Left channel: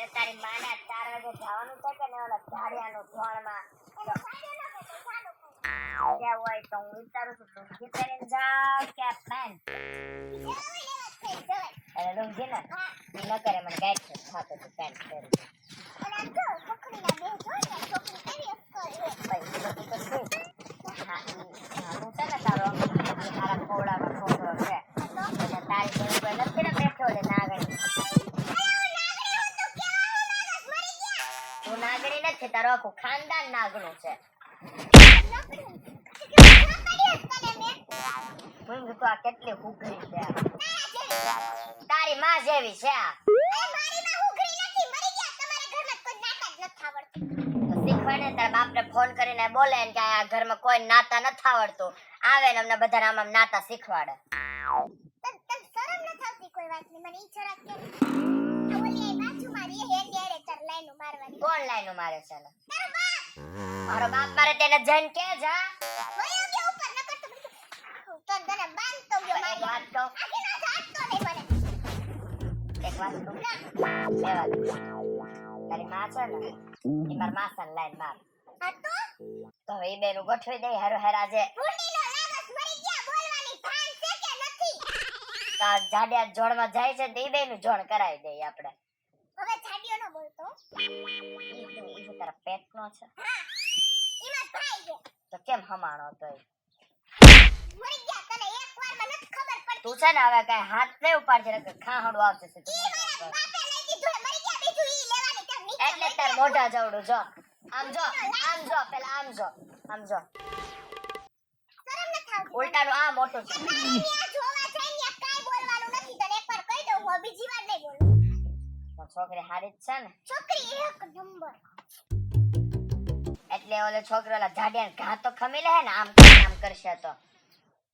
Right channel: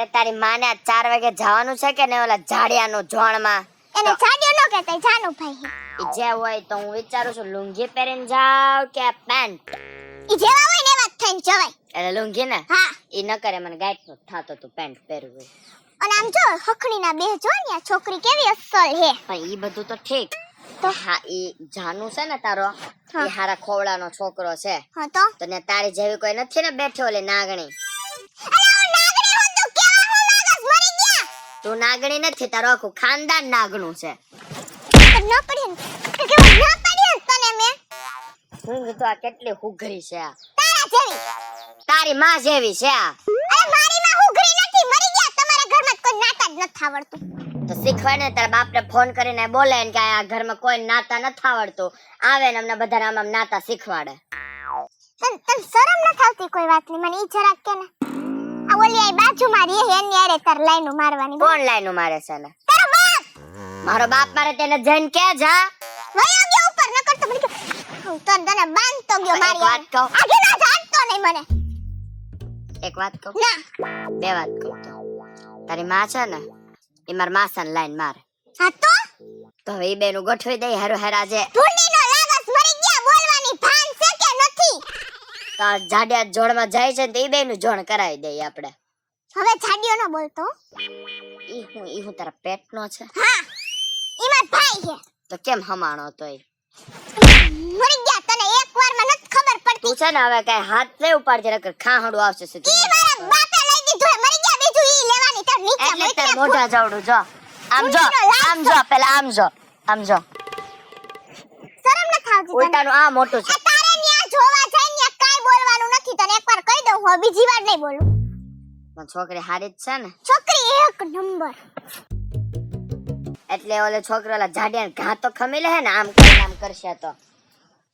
એ તારી માને 4 વાગે જવાનું છે કે ને ઓલા ઝાડિયાનો જોણમાં? એને જાડિયો ન કહેતા જાનુ ભાઈ. જે હોય તો હું વિચારું છું લુંગી પહેરીને જાવ કે પેન્ટ. ઈ જેવા હોય ને એવા જ થઈને જવાય. એટલે લુંગી ને હા. ઈ ન કરે મને ગાઈડ થાતો તો પેન્ટ પહેરવું. અને આમ જો હખણીના બે જો ને આ છોકરી કેવી અસલ હે. પણ ઈ બધું તો ઠીક તો હા ઈ જાનુ છે ને તારો ઈ હારા ખોવડાનો છોકરો છે. હા તો અને તારી જેવી કોઈ નથી ને બેઠી ઓલી નાગણી. તું નાગણી નથી, તારો આખું ખાનદાન નાગણું છે. ન પડી કે કેવું ના પડી તને મે. હું કીધું આ કેટલી હુઘરી છે આ. તારા જેવી. તારી માં જેવી છે આ. અરે મારી માં હુઘરી નથી, મરી ગયા. તમારા ઘરમાં કોઈ નાતા જ નથી આવડતું. તો શીખવાડ ને તારા બાપને ફોન કરીને બોલે ને કે આ ઘરમાં કોઈ નાતા નથી આવડતું. આવે ને અમને બધાને આમ નાતા શીખવાડે. તને શરમ ન આવતી કોઈ વાતની? મને ઈ જરાક કે ને. આ ઓલી આ બાજુમાં રહે એની આરે તાર લાઈનો મારવાની. કોણ લાઈનો મારે છે ને? તારો બાપ. મારો બાપ મારે તેને જઈને કે જા. વયો ગયો ઉપર ન કરતો મને હું તો તને બાંધતો ગયો એક મારી વાત કહું? આગે ના જાડતો નહીં મને. એક વાત કહું? ના. બે વાત કહું. તારી માં છે ને ઈ માર માસાને લાઈન મારે. હા તો હવે ઈ બેનું ગોઠવી દઈ હારો હારાજે. ધૂળીનો લાગસ મરી ગયા. બોલવાની ભાન છે કે નથી? તો જાડિયા જોડમાં જાય છે તો ઈ બેનું જોડ કરાવી દઈએ આપણે. હવે છાડ્યો ન બોલતો. ઈ હું તારા પેટનો છે? હા ઈ માર ભાઈ છે. તો કેમ હમાણો તોય? મરી ગયા તને એકવારમાં નથી ખબર પડતી. તું છે ને હવે કઈ હાથ નહીં ઉપાડજે નકર ખાહડું આવશે સીધું. ઈ મારા બાપે લઈ દીધું હે. મરી ગયા બીજું ઈ લેવાની તાર નીચે એટલે તે મોઢા જવડું જો. આમ જો આમ જો પેલા આમ જો આમ જો. શરમ ન થાવતી તને? ઉલટાનું આ મોટું છે. આ તારે ન્યા જોવા જાય ને કાઈ બોલવાનું નથી. તને એકવાર કહી દઉં હું બીજી વાર નહીં બોલું. છોકરી હારી જ છે ને છોકરી એક નંબર. એટલે ઓલે છોકરો ઓલા જાડિયાને ઘા તો ખમી લે ને આમ કરશે તો.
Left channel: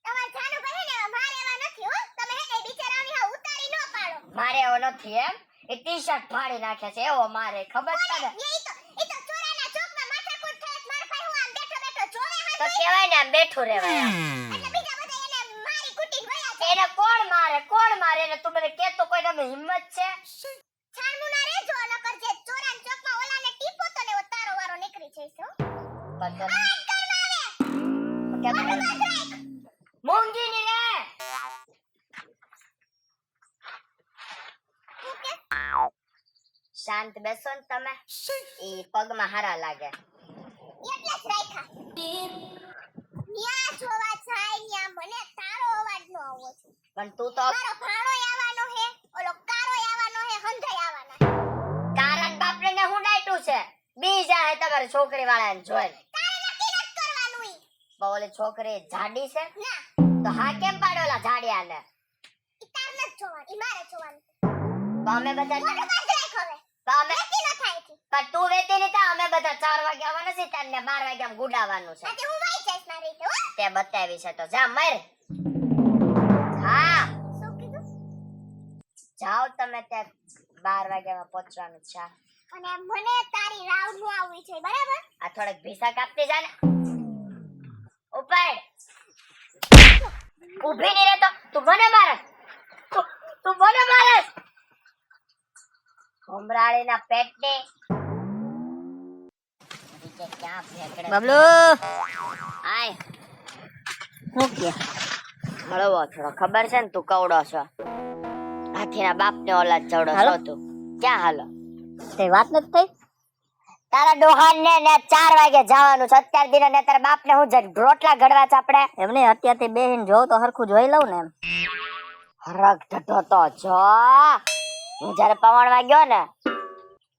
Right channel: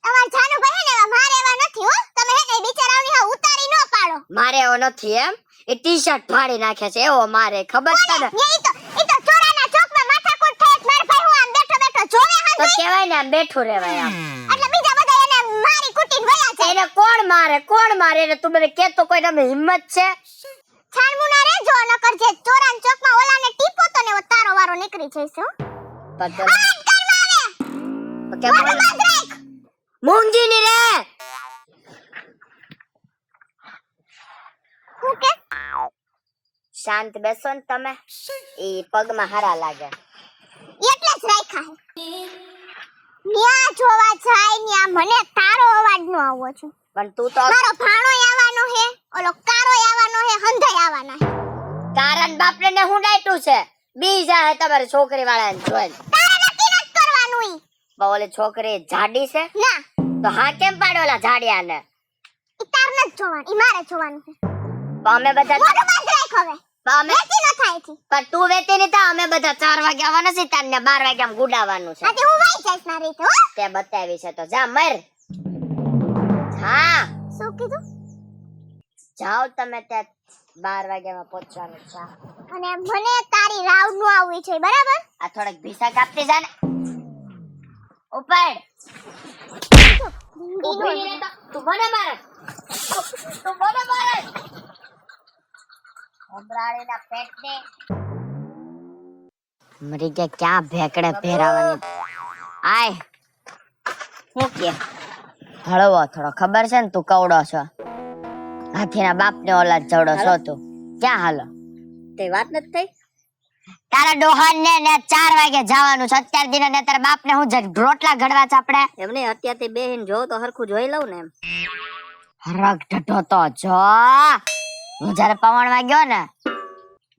તમાર જાનુ ભાઈ ને મારે એવા નથી હો. તમે હે ને બિચારાઓની હા ઉતારી ન પાડો. મારે એવો નથી એમ. એ ટી-શર્ટ ફાડી નાખે છે એવો મારે ખબર છે ને. ઈ તો ચોરાના ચોકમાં માથાકૂટ થાય. માર ભાઈ હું આમ બેઠો બેઠો જોવે હા. તો કહેવાય ને આમ બેઠું રહેવાય. એટલે બીજા બધા એને મારી કુટીને વયા છે. એને કોણ મારે એને તું મને કે તો કોઈ તમે હિંમત છે? છાણમુના રે જો ન કરજે. ચોરાના ચોકમાં ઓલાને ટીપો તો ને તારો વારો નીકળી જઈશે હો. પગમ આજ કરવા આવે. કેમ મોઢું બંધ રાખ. મૂંગી ની રે. હું કે શાંત બેસો ને તમે. ઈ પગમાં હારા લાગે. એટલે જ રાખ્યા હે. ન્યા જોવા જાય ન્યા મને તારો અવાજ નો આવવો છે. પણ તું તો મારો ભાણોય આવવાનો હે, ઓલો કારોય આવવાનો હે, હંધાય આવવાના હે. કારણ બાપને ને હું ડાયટું છે. બી જાય તમારી છોકરી વાળાને જોઈ. તારે નક્કી નથી કરવાનું ઈ. પણ ઓલી છોકરી જાડી છે ના તો હા કેમ પાડ્યો ઓલા જાડિયાને? ઈ તાર નથી જોવાનું, ઈ મારે જોવાનું છે. પણ અમે બધા મોઢું બંધ રાખ હવે. પણ અમે વેચી ન થાય છે. પણ તું વેતી નહીં થા. અમે બધા 4 વાગે આવવાના છે તારને 12 વાગે આમ ગુડાવાનું છે. આજે હું વાઈ જઈશ મારી રીતે હો. તે બતાવી છે તો જા મર. હા શું કીધું? જાઓ તમે ત્યાં 12 વાગ્યામાં પહોંચવાનું છે. અને મને તારી રાવ નો આવવી છે બરાબર? આ થોડેક ભીસા કાપતી જા ને. ઉપર ઊભી નહીં રહેતો. તું મને મારે. તું મને મારે. ભમરાળીના પેટને મરી ગયા ક્યાં ભેકડે ફેરવવાનું. આય હું કે હળવો થોડો ખબર છે ને તું કવડો છો. હાથીના બાપને ઓલા ચવડો છો તું. ક્યાં હાલો? તે વાત નથી થઈ. તારા ડોહાને ને 4 વાગે જવાનું છે. અત્યાર દિને ને તારા બાપને હું રોટલા ઘડવા છે આપણે. એમને અત્યારથી બેહીને જોઉં તો હરખું જોઈ લઉં ને એમ. હરખ ઢઢો તો જો. હું જયારે પવણમાં ગયો ને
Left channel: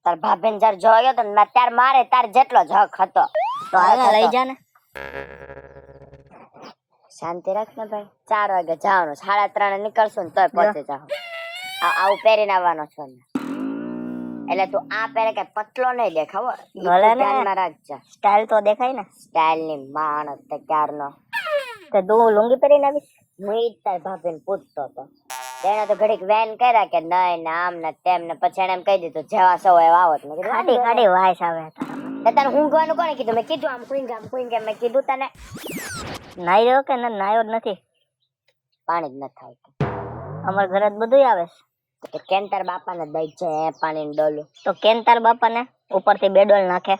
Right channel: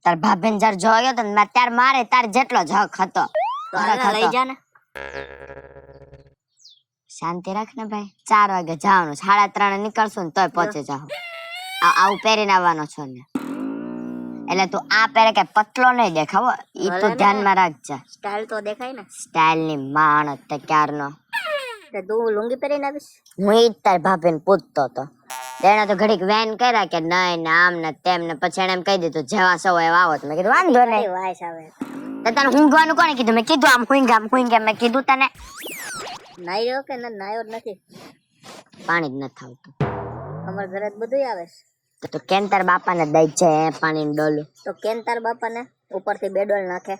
તાર ભાભીને જયારે જોવા ગયો તો મેં તાર મારે તાર જેટલો જ હક હતો. તો હવે લઈ જા ને. શાંતિ રાખ ને ભાઈ. 4 વાગે જવાનું. 3:30 નીકળશું ને તોય પહોંચી જાવ. આવું પહેરીને આવવાનો છો ને એટલે તું આ પહેરે કે પતલો નહીં દેખાવો. ઈ તું ધ્યાનમાં રાખજે. સ્ટાઇલ તો દેખાય ને. સ્ટાઇલ ની માણસ તે ક્યારનો. તે તું લુંગી પહેરીને આવીશ. હું ઈ તાર ભાભીને પૂછતો હતો. તેને તો ઘડીક વેન કર્યા કે નહીં ને આમ ને તેમ ને પછી એને એમ કહી દીધું જેવા સૌ એવા આવો. મેં કીધું વાંધો નહીં. વાઈસ આવે તો તને ઊંઘવાનું કોણે કીધું? મેં કીધું આમ કુઈંગ મેં કીધું તને. નાઈ રહ્યો કે ના નાયો જ નથી. પાણી જ નથી આવતું. અમાર ઘરે જ બધું આવે છે. તો તું કેમ તાર બાપાને દઈ જાય પાણીનું ડોલું? તો કેમ તાર બાપાને ઉપરથી બે ડોલ નાખે?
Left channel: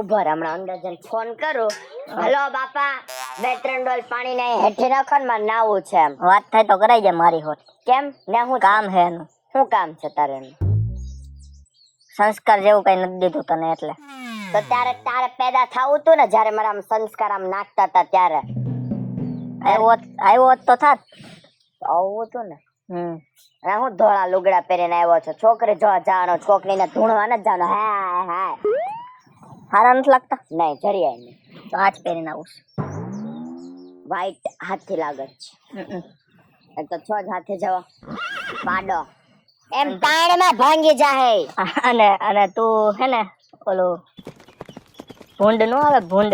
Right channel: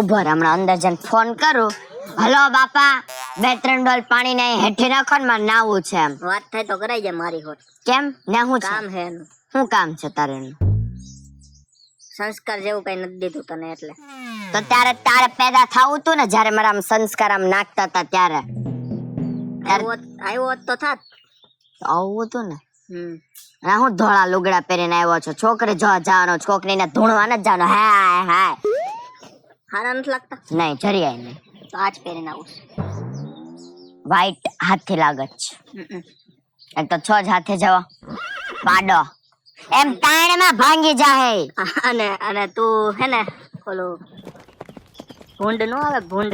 ઉભો રહે, હમણાં અંદર જઈને ફોન કરું. હલો બાપા, 2-3 ડોલ પાણી ને હેઠી નાખો ને, મારે નાવું છે એમ. વાત થાય તો કરાઈ જાય મારી હોત. કેમ ને હું કામ હે એનું. શું કામ છે તારે એનું? સંસ્કાર જેવું કઈ નથી દીધું તને એટલે. તો ત્યારે તારે પેદા થવું તું ને, જયારે મારા આમ સંસ્કાર આમ નાખતા હતા ત્યારે. આવ્યો હોત તો થાત. આવું હતું ને. ના હું ધોળા લુગડા પહેરીને આવ્યો છું, છોકરે જોવા જવાનો, છોકરીને ધૂણવા નથી જવાનો. હાય હાય હારા નથી લાગતા? નહીં, જરીય નહીં. તો આજ પહેરીને આવું. વ્હાઈટ હાથથી લાગે છે. એક તો 6 જ હાથે જવા પાડો એમ તાણમાં ભાંગી જાય. અને તું હે ને ઓલું ભૂંડ નો આવે ભૂંડ.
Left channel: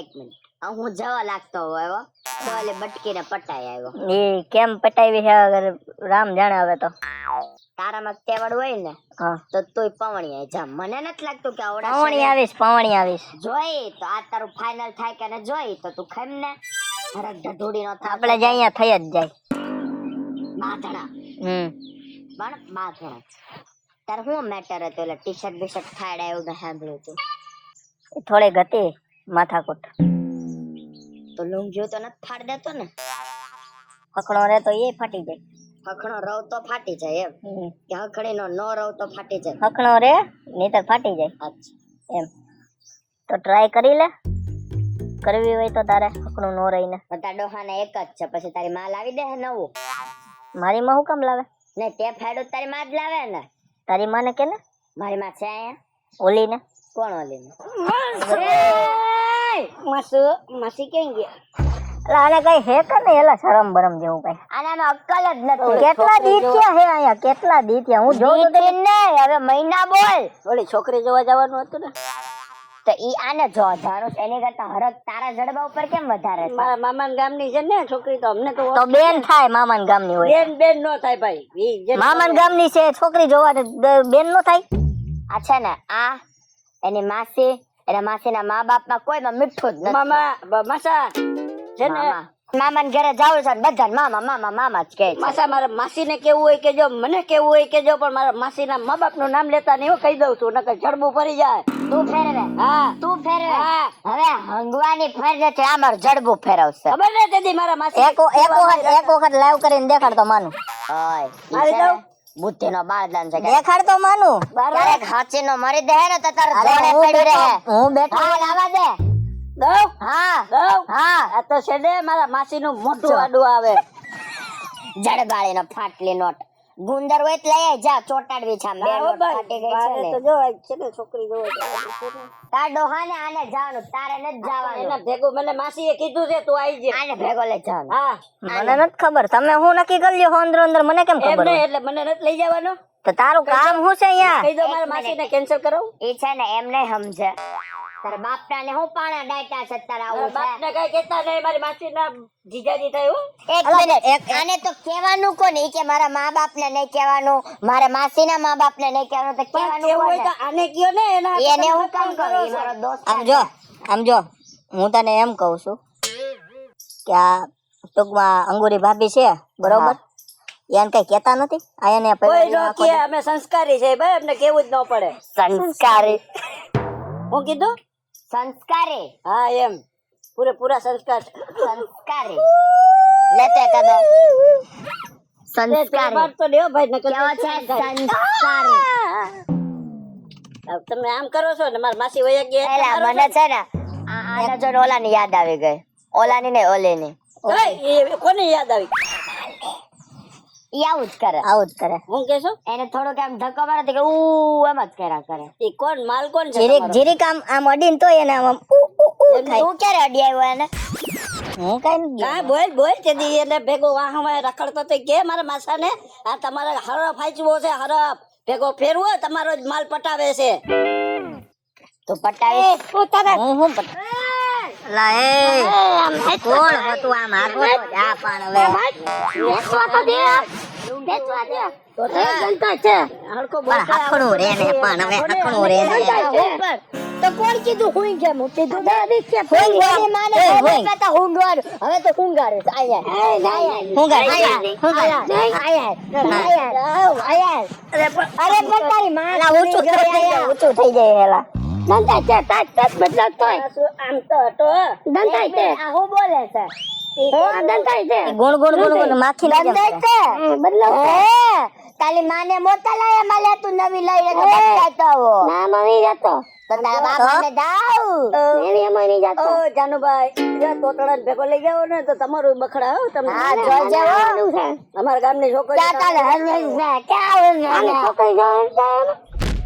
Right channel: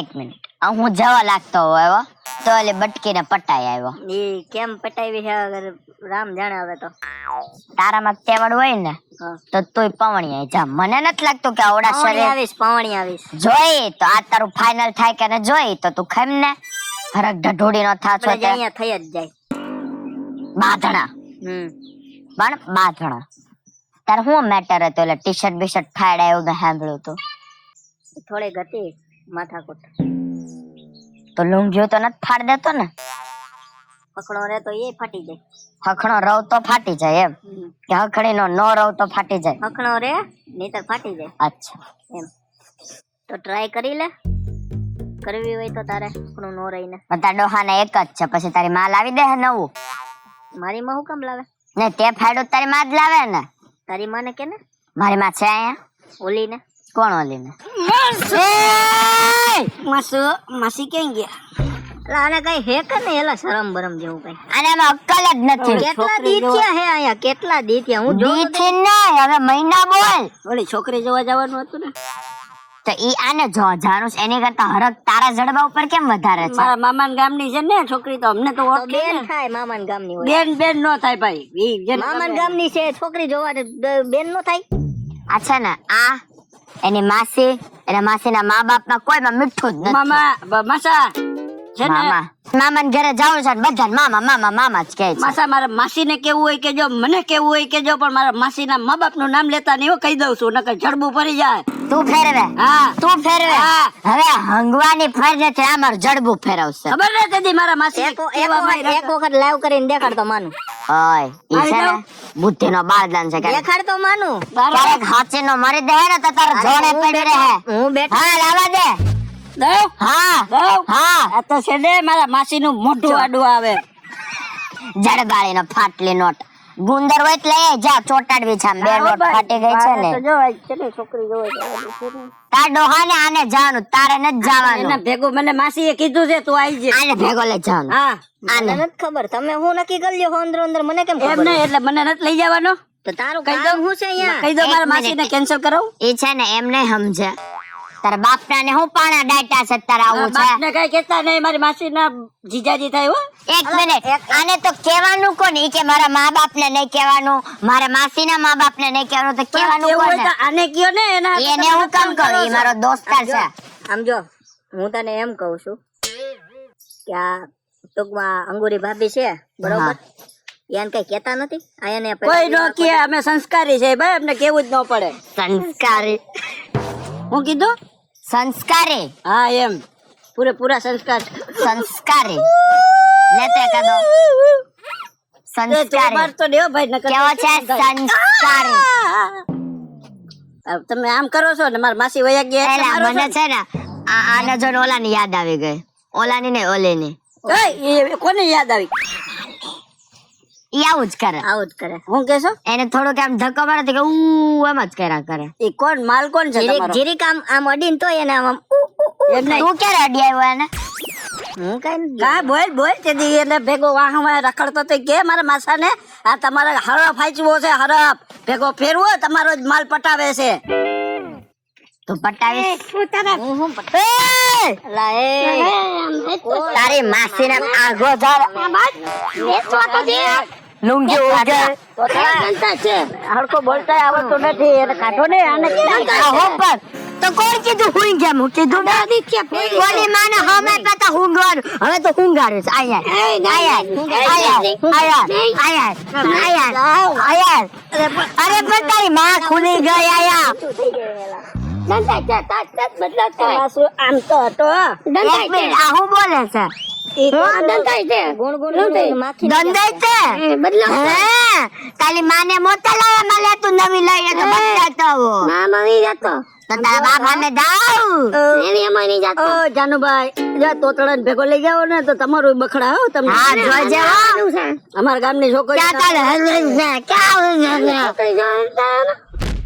એક મિનિટ, હું જવા લાગતો હોય તો ઓલી બટકીને પટાઈ આવ્યો. એ કેમ પટાવી છે રામ જાણે. હવે તો તારામાં તેવડ હોય ને તો તું પવણી આવી જા. મને નથી લાગતું કે આવડા શરીર પવણી આવીશ જોઈ તો આ તારું ફાઇનલ થાય કે ને જોઈ તો તું ખાઈમ ને હરક ઢઢોડી નો થાતો અહીંયા થઈ જ જાય. બાધણા પણ બાધણા તારે શું મેટર હતો? એટલે ટી શર્ટ બીશર્ટ ફાડ્યા એવું મેં સાંભળ્યું હતું. થોડીક હતી માથાકૂટ. તો લુંગીઓ તો નથી ફાડ દેતો ને? હકડો રે તો એ ફાટી જાય. હખણો રવ તો ફાટી જાય એમ કે હખણીનો નો રવ તો ફાટી જાય? હકડો રે નહીતર ફાટી જાય. અચ્છા એમ તો ટ્રાય કરી લે. કરવી હોય તો તારે હકડું નો રહીને. બધા ડોહાને એક જ છે, પછી તારી માં લાવી દે હે નવું. મારી માં હું કામ લાવે? ને તે ફાડ્યો તારી માં જ લાવે ને. તારી માને કે ને મારી માં છે અહીંયા. ઓલી ને કોણ ઓલી ને? માસી ક્યાં ગયા? આને કઈ હે કે ને એલા શરમ બરમ જેવું કઈ? આનામાં અક્કલ જ નથી. કેટલા દી થયા હે અહીંયા? કેટલા દી થયા? હું દી થી નહીં, હવે મહિના બોલ. ઓલી છોકરી જોવા જવાનું હતું ને, તો ઈ આને જોવા જાણું છે, એની કરતા હરક તારા જડબા ઉપર કેમ વધારે છે? મારા મામાના ગામની છે ને છોકરી, તો અમને તો બેન થાય. મામાના ગામની હોય બેન નો થાય ભાઈ. મામાના ગામની છે છોકરી જોવા બેન નો થાય. આ છે ને આ એની માસી, એના માસીના મા બાપમાં કોઈમાં મીઠું જ નથી. મામા મામા ને ઘરે જાવું છે, બધા મામા મામા મામા જ કહે છે. માસા મારા માસી ને કેવું હોય કે જો, મને કેવું હોય કે જો, પણ મારા માસી ના મા બાપ નું નામ લેતા નહીં. હું કહી દઉં છું, નકર જડબું પડી જાય. તું ફેરવે. હા તું ફેરવે. હવે હંગવાની ફરજે છે, આ મારું જડબું ફેરવશે. ખબર નથી મારા માસી એક વખત લાઈવ કરીને દેખાડ તો માનું. ઓય ઈ છે ને બુદ્ધિ નો બાળદાન છે. દેખાડ તો માનું. ક્યારેક હાચી નો મરી દે ને તો તારે જોડે પડી રહે. હું બેઠો. હા લાવા દે. હા હા આ તો છે ને મારા માસી નું મોટું આડું આવે. જડબાળી નો ફાટલી નોટ ગુંદર હોય એટલે લઈ જા, ચોટાડવી છે. આમ બે નોટ ફાટી ગઈ છે ને. જો છે ને છોકરી જોવા તાર ડોહાને આને જવાનું, તારે નથી જવાનું. એના ભેગું મને માસીએ કીધું છે તું આવી જાય. આને ભેગો લઈ જવાનું. હા મને નથી ખબર તમે હું નક્કી કરી લ્યો અંદર અંદર. મને કેમ ખબર? એમ નહીં, એટલે મને નથી લઈ જવાનો. તો તારું કામ શું છે અહીંયા? કહી દો મારા માસીને કેન્સલ કરાવું. ઈ છે ને એમ નહીં સમજે. તારા બાપના ને હું પાણા ડાટા છે તારા આવું છે. બાપને કઈ કહેતા નહીં, મારી માસીના જીજાજી થાય. હો એક મિનિટ, આને તો કહેવાનું કોણ? ઈ કે મારા મા બાપ ને નહીં કહેવાનું, મારા માસીના મા બાપ ને નહીં કહેવાનું, તો કહેવાનું કોણ? આને કયો ને એને હું કામ કરું? ઈ મારો દોસ્તાર છે. સમજો, હું તને એમ કહું છું કે આ ટૂંકમાં અંગુરી ભાભી છે બરોબર, એને કઈ કેતા નથી. આ એને કોઈ નો કે અમે સંસ્કારી છે ભાઈ, અમને કેવું જ ન પડે. સંસ્કારી? હું કીધું સંસ્કારી? હા એમ પૂરેપૂરા સંસ્કાર. સંસ્કારી લેતે કદો સંસ્કારી તો દેવો ભાઈ નકર કેવો છે સંસ્કારી? તમે આમ કરો છો ને મારા માસી વયા ગયા એટલે એલા મને છે ને આને જો ઓલાની યાદ આવી ગઈ. ઓલાની ને ઓલેની. કોને યાદ આવી? ઈ આવું જ કરે. આવું જ કરે. હું કેશો એને થોડુંક આમ ધક્કો મારે તો કે ઉ આમ જ કર્યા કરે. એ કોણ માલ કોણ છે તમારો? જીરીક આમ અડીન તો એને આમ તું ક્યારે અડી આવ્યો એને? હું કઈ કા બોલ તે દી એને ભેગો વાહમાં રખડતો તો કે મારા માસાને આ તમારે હરફ હાચવો છે, હરફ ભેગો ફેરવો તમારો જ માલ પટાવે છે. તું પટાવીશ? હું પટાવે લા હે તારી માસીને આગો જા લુંગી ઉગે તો તારા સંતા છે. હરકો બોલતા આવડતું નથી. કાઢો ને આને. આ હોપર તો કોણ કીધું હુઈ ગયા હું કીધું ને ઓલી માને હવે પેતા હુંગવાનું હવે તો હુંગારું છે આયા અરે પતાઈ માં ખુલી ગયા થઈ જાય એલા આમ તો હતો આ હું બોલે છે ગુણ ગુણ માખી દંડાઈ છે તારી માને મોટા લાવા મળે તું નવી લઈને તો બચાતો હો તો તારા બાપાને દાવ ઓ જાનુભાઈ જા તોતળાને ભેગો લઈ જાઓ ને તો તમારું બખડા હો તમને હા જોજે અમારા ગામની છોકરી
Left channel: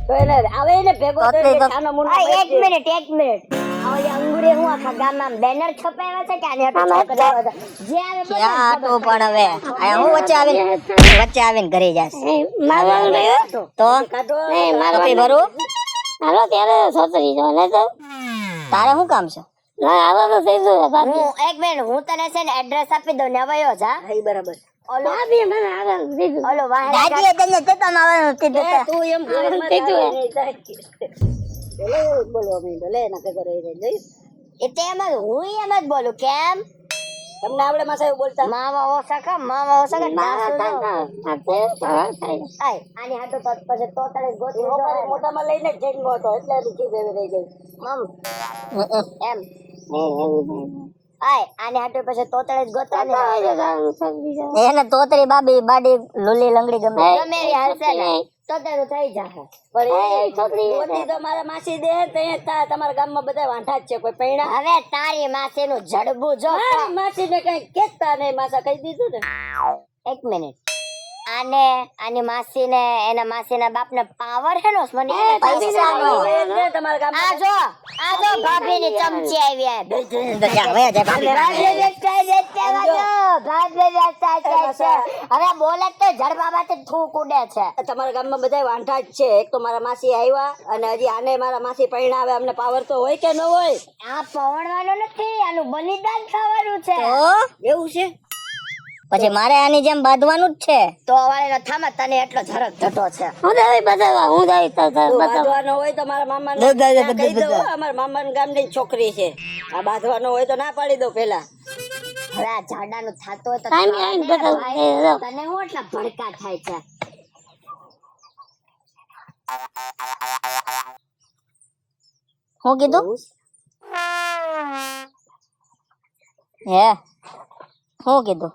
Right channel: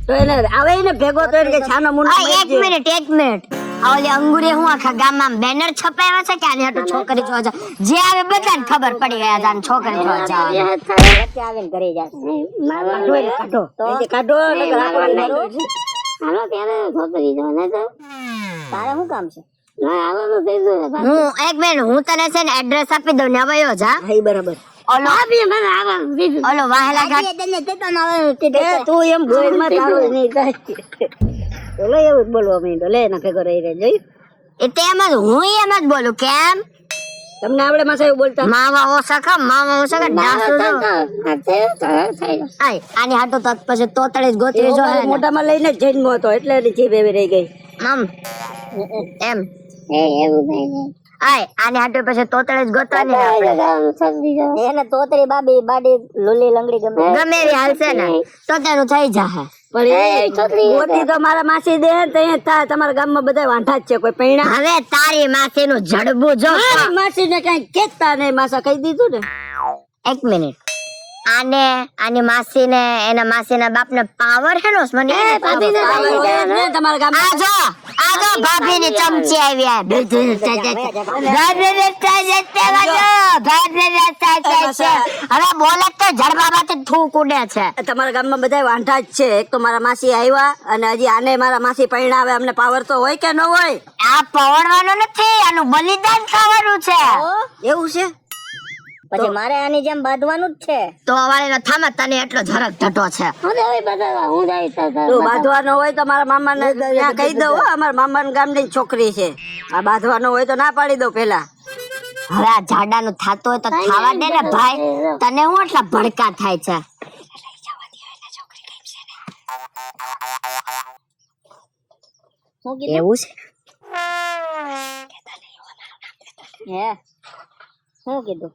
તો એને આવે ને ભેગો તો એને છાનો મુંડો એક મિનિટ ઓલી અંગુરે હું આખા ગામમાં બેનર છપાવ્યા છે કે આને હટો છોકરી કહો છો જે આવે બધાને ખબર પડી જાય આ છોકરી વચ્ચે આવીને ઘરે જશે તો કાઢો મારું હાલો ત્યારે છોકરી જો ને તો તારે શું કામ છે ના આવો તો થઈ ગયો હું એક મિનિટ હું તને છે ને એડ્રેસ આપી દઉં ને આવ્યો જા હા બરાબર ઓલો ઓલો વાહેલા ઘાટ તું એમ બોલમાં થાવે નહીં ઓલો એવું બોલવા માંડ્યો લે ના ભેગો રહી રે જોઈ એ તેમ જ હું એમ જ બોલું કેમ તમને આવડે માસા એવું બોલતા માવા ઓસખા ડાસુ આય આની હાટો તો પછી તોતળે જ ગોતરી જો મોઢામાં લઈને જ જન્મ હતો એટલે એની જીભ એવી રહી ગઈ આમ એમ એવું થઈ આય આની હાટો પછી તોતળે જ ગોતવાની ને આપણે એને તોતરી બાબી બાડી લુલી લંગડી ગમે ગમે એવી હાલશે ને તો તેનું થઈ જાહે મોટી તો મારા માસી દે તો તમારા ગામમાં બધા વાંઢા જ છે કોઈ પૈણા હવે તારી માસીનું જડબું જો માસી ને કઈ કેતા નહીં માસા કહી દીધું ને એક મિનિટ આને માસી ને એના માસી ના બાપ ને પાવર હે નો મને તમારા ગામ આ જો ભાભી ની ચમચી આવી હવે બોલે તો જડબાબા તો થૂક ઉડે છે તમારા ગામમાં બધા વાંઢા જ છે એક તો મારા માસી આવ્યા અને હજી આને મારા માસી પૈણા આવે અમને પાવર તો હોય કે ન હોય આ પવણવાનું નથી આનું બલિદાન થવાનું છે એવું છે પછી મારે આની જેમ બાંધવાનું જ છે તો વાળીનો થામા તને એટલો ઝરક ધટો છે બાંધવાનો હોય તો મારા મામા ને કહી દઉં અમારા મામા ગામની છોકરી છે આ બાંધવાનો હોય તો ના પાડી દઉં પેલા હવે આ ઝાડાનું થાતો હોય તો ખાવા દે ને ભાઈ તને હું આટલા ભડકા થાય છે હું કીધું એવું છે હે હું કીધું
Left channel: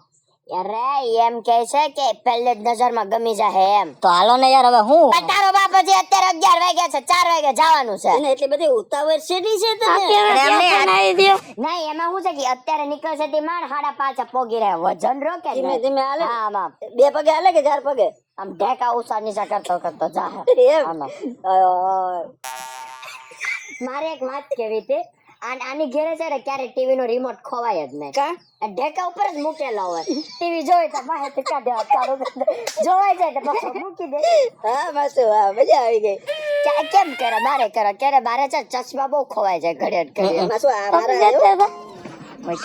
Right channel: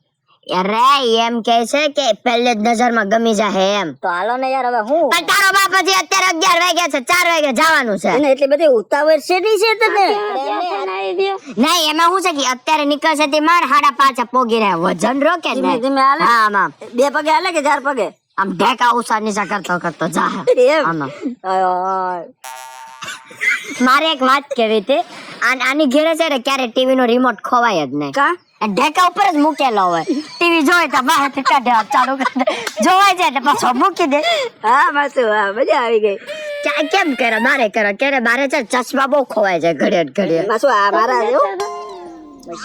અરે એમ કે છે કે પહેલે જ નજરમાં ગમી જાય એમ તો હાલો ને યાર હવે હું પણ તારો બાપ હજી અત્યારે 11 વાગ્યા છે 4 વાગે જવાનું છે એને એટલી બધી ઉતાવળ છે ની છે તમે નહીં એમાં શું છે કે અત્યારે નીકળશે તે માર 5:30 પોગી રહ્યા વજન રોકે ને ધીમે હાલે હા આમ 2 પગે હાલે કે 4 પગે આમ ઢેકા ઉસા નીચા કરતો જા એમ મારે એક વાત કેવી હતી આની ઘેરે છે ને ક્યારે ટીવી નો રિમોટ ખોવાય જ નહીં કા ઢેકા ઉપર જ મૂકેલો હોય ટીવી જોઈ તો બહાર કાઢે ચાલુ જોવાય જાય તો પાછો મૂકી દે હા માસુ હા મજા આવી ગઈ કેમ કરે બારે કરે ક્યારે બારે છે ચશ્મા બહુ ખોવાય છે ઘડિયાળ માસુ આ મારા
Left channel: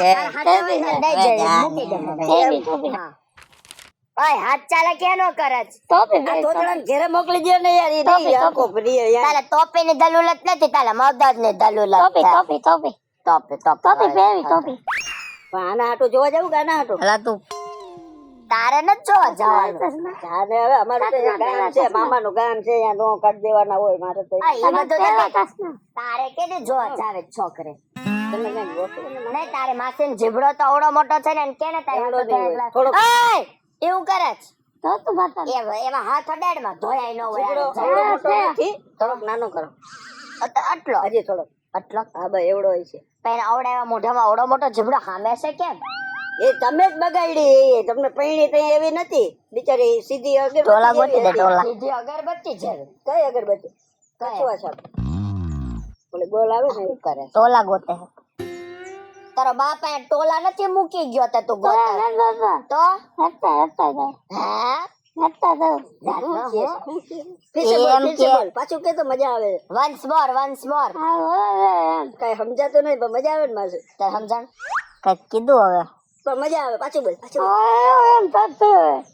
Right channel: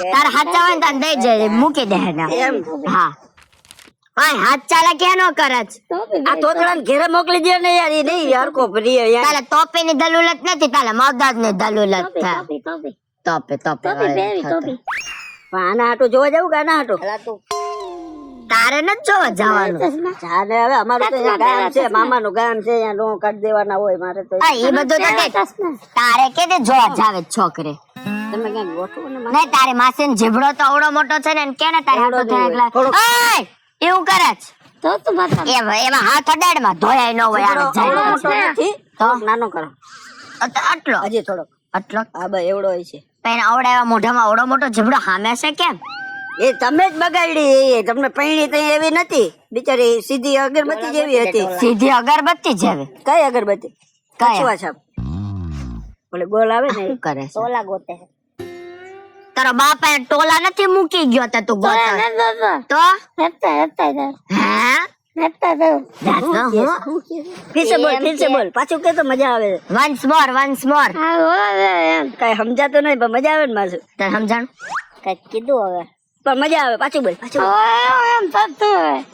તાર હાથ ચાલે તો દઈ જાય મૂકી દે હા ભાઈ હાથ ચાલે કે નો કરે આ તોતળાને ઘરે મોકલી દે ને યાર એ નહીં આખો પ્રિય યાર તાલે ટોપી ની દલુલત નથી તાલે મગજ ની દલુલત છે ટોપી પણ આના હાટું જોવા જાવ કે આના હાટું તું તારે ન જોવા જવાનું જાને હવે અમારું તો ગામ છે મામાનું ગામ છે અહીંયા નો કાઢ દેવાના હોય મારે તો એ બધું તારે કે તે જોવા જાવે છોકરે તમે કઈ ગોઠવો ને નહીં તારે માસી ને જીભડો તો અવડો મોટો છે ને કે ને તારે હાટો થાય એટલે એવું કરે તો તું વાત એમાં હાથ અડાડમાં ધોયાય ન હોય આને જાય તો નાનો કરો આટલો હજી થોડો આટલો હા બસ એવડો હોય છે પણ આવડા એવા મોઢામાં અવડો મોટો જીભડો હામે છે કેમ એ તમે જ બગાડી તમને પૈણી તો એવી નથી બિચારી સીધી અગરબત્તી જેવી હતી સીધી અગરબત્તી જેવી કઈ અગરબત્તી કઈ કચવા છાપ બોલે ગોલ આવે ને શું કરે છે તોલા ગોતે તારો બાપ અહીંયા ટોલા નથી મૂકી ગયો તે તું ગોતા તો હા ફીસેબલ પાછું કે તો મજા આવે વન્સ મોર કઈ સમજાતું નહીં પણ મજા આવે ને માસુ તાર સમજણ કઈ કીધું હવે પણ મજા આવે પાછું બોલ પાછું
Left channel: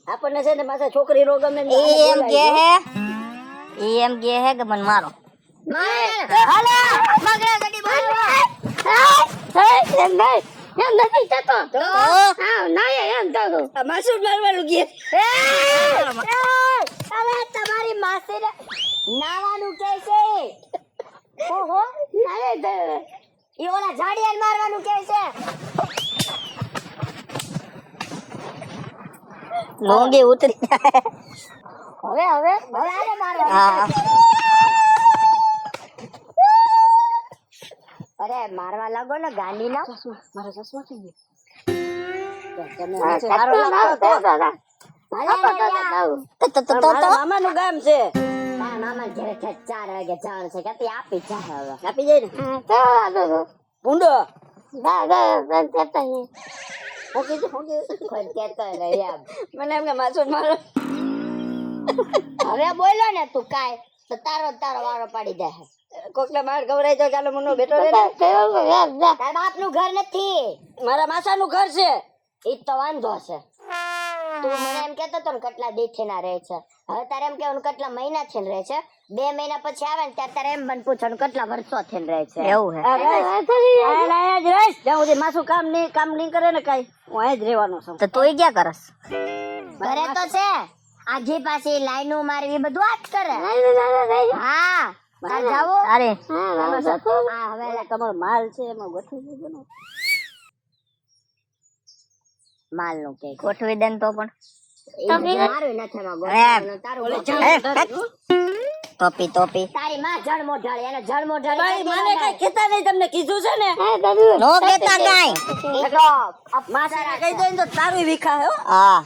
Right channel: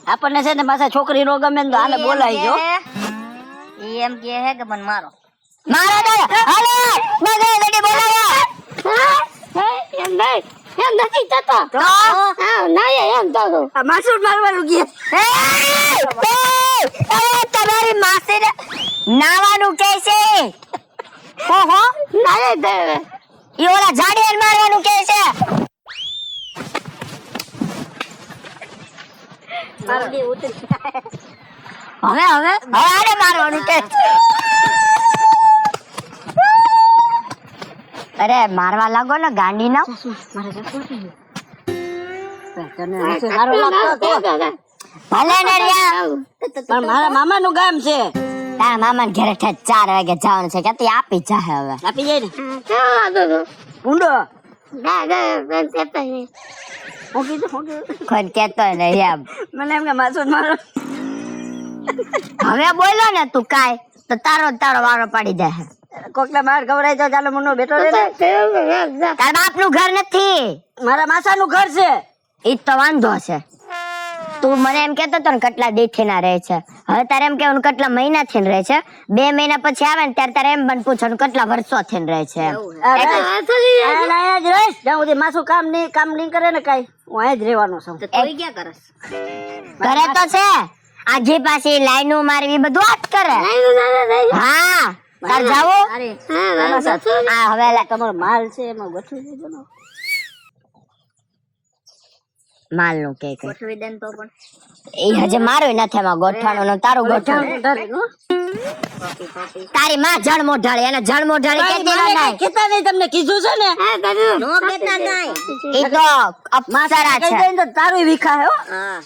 આપણને છે ને પાછા છોકરી નો ગમે ને આને બોલાવી જો ઈ એમ કે હે કે મને મારો મારે નહીં હવે મગર ગડી બોલાવો એમ નથી થતો હા ના એમ તો માસૂદ મારવાનું કે તમારી માસીને નાવાનું કે છે ઓહો ના દે ઈ ઓલા ઝાડિયાને મારવાનું કે છે મોંઘી ઉતરી હવે આને મારવાનું કે અરે મારવા લાગો ને ગાંડી ના મારે સારું લાગતો ભલે ને રહ્યા મારા મામાનું ગામ છે તારા મામાને ઘરે 4 વાગે જવાનું છે કે આપી જાહે હવે આપી જાય ને તો ઊંડો ના ના તે કોઈ કેતો નહીં એમ મને એમને માસૂદ મારો હવે બોલો ને તું કાય તો તારો વારો પાડી દે કોકને માર ખવડાય તો ચાલો મનો બેઠો રે ને તારા બાપનું ઘર નથી મારા માસાનું ઘર છે ઈ તો વાંધો છે તું મને એમ કેતો તો ને કેટલા દીથી ના રહે છે હવે તારે એમ કેવાનું કેટલા મહિના થી રહે છે 2 મહિના પછી આવે ને ત્યારે તારે એમ બન પૂછવાનું કેટલા વર્ષો થી રહે છે માસું કામ નહીં કરે ને કઈ હું અહીં જ રહેવાનો છું તો તું ક્યાં કરસ કરે તો છે આજી પાછી લાઈનો મારવી બધું આ જ કરે હા તાર જાવો અરે આ હવે તમારો માલ છે એમાં ગોઠવી દીધો ને માલ નું કે ગોઠવી દે ને તો પણ એ હજી મારું નથી એમાં ગોઠવાનું તારું ગોઠવું ટોપી તારી માં જળ મોઢાળી એને જળ મોઢાળી કેતી ન નાય કેતા નહીં તમને કીધું છે ને નો કેતા નાય ઈ તો અપસારા છે કહી દે તો તારું વિખાય હો હા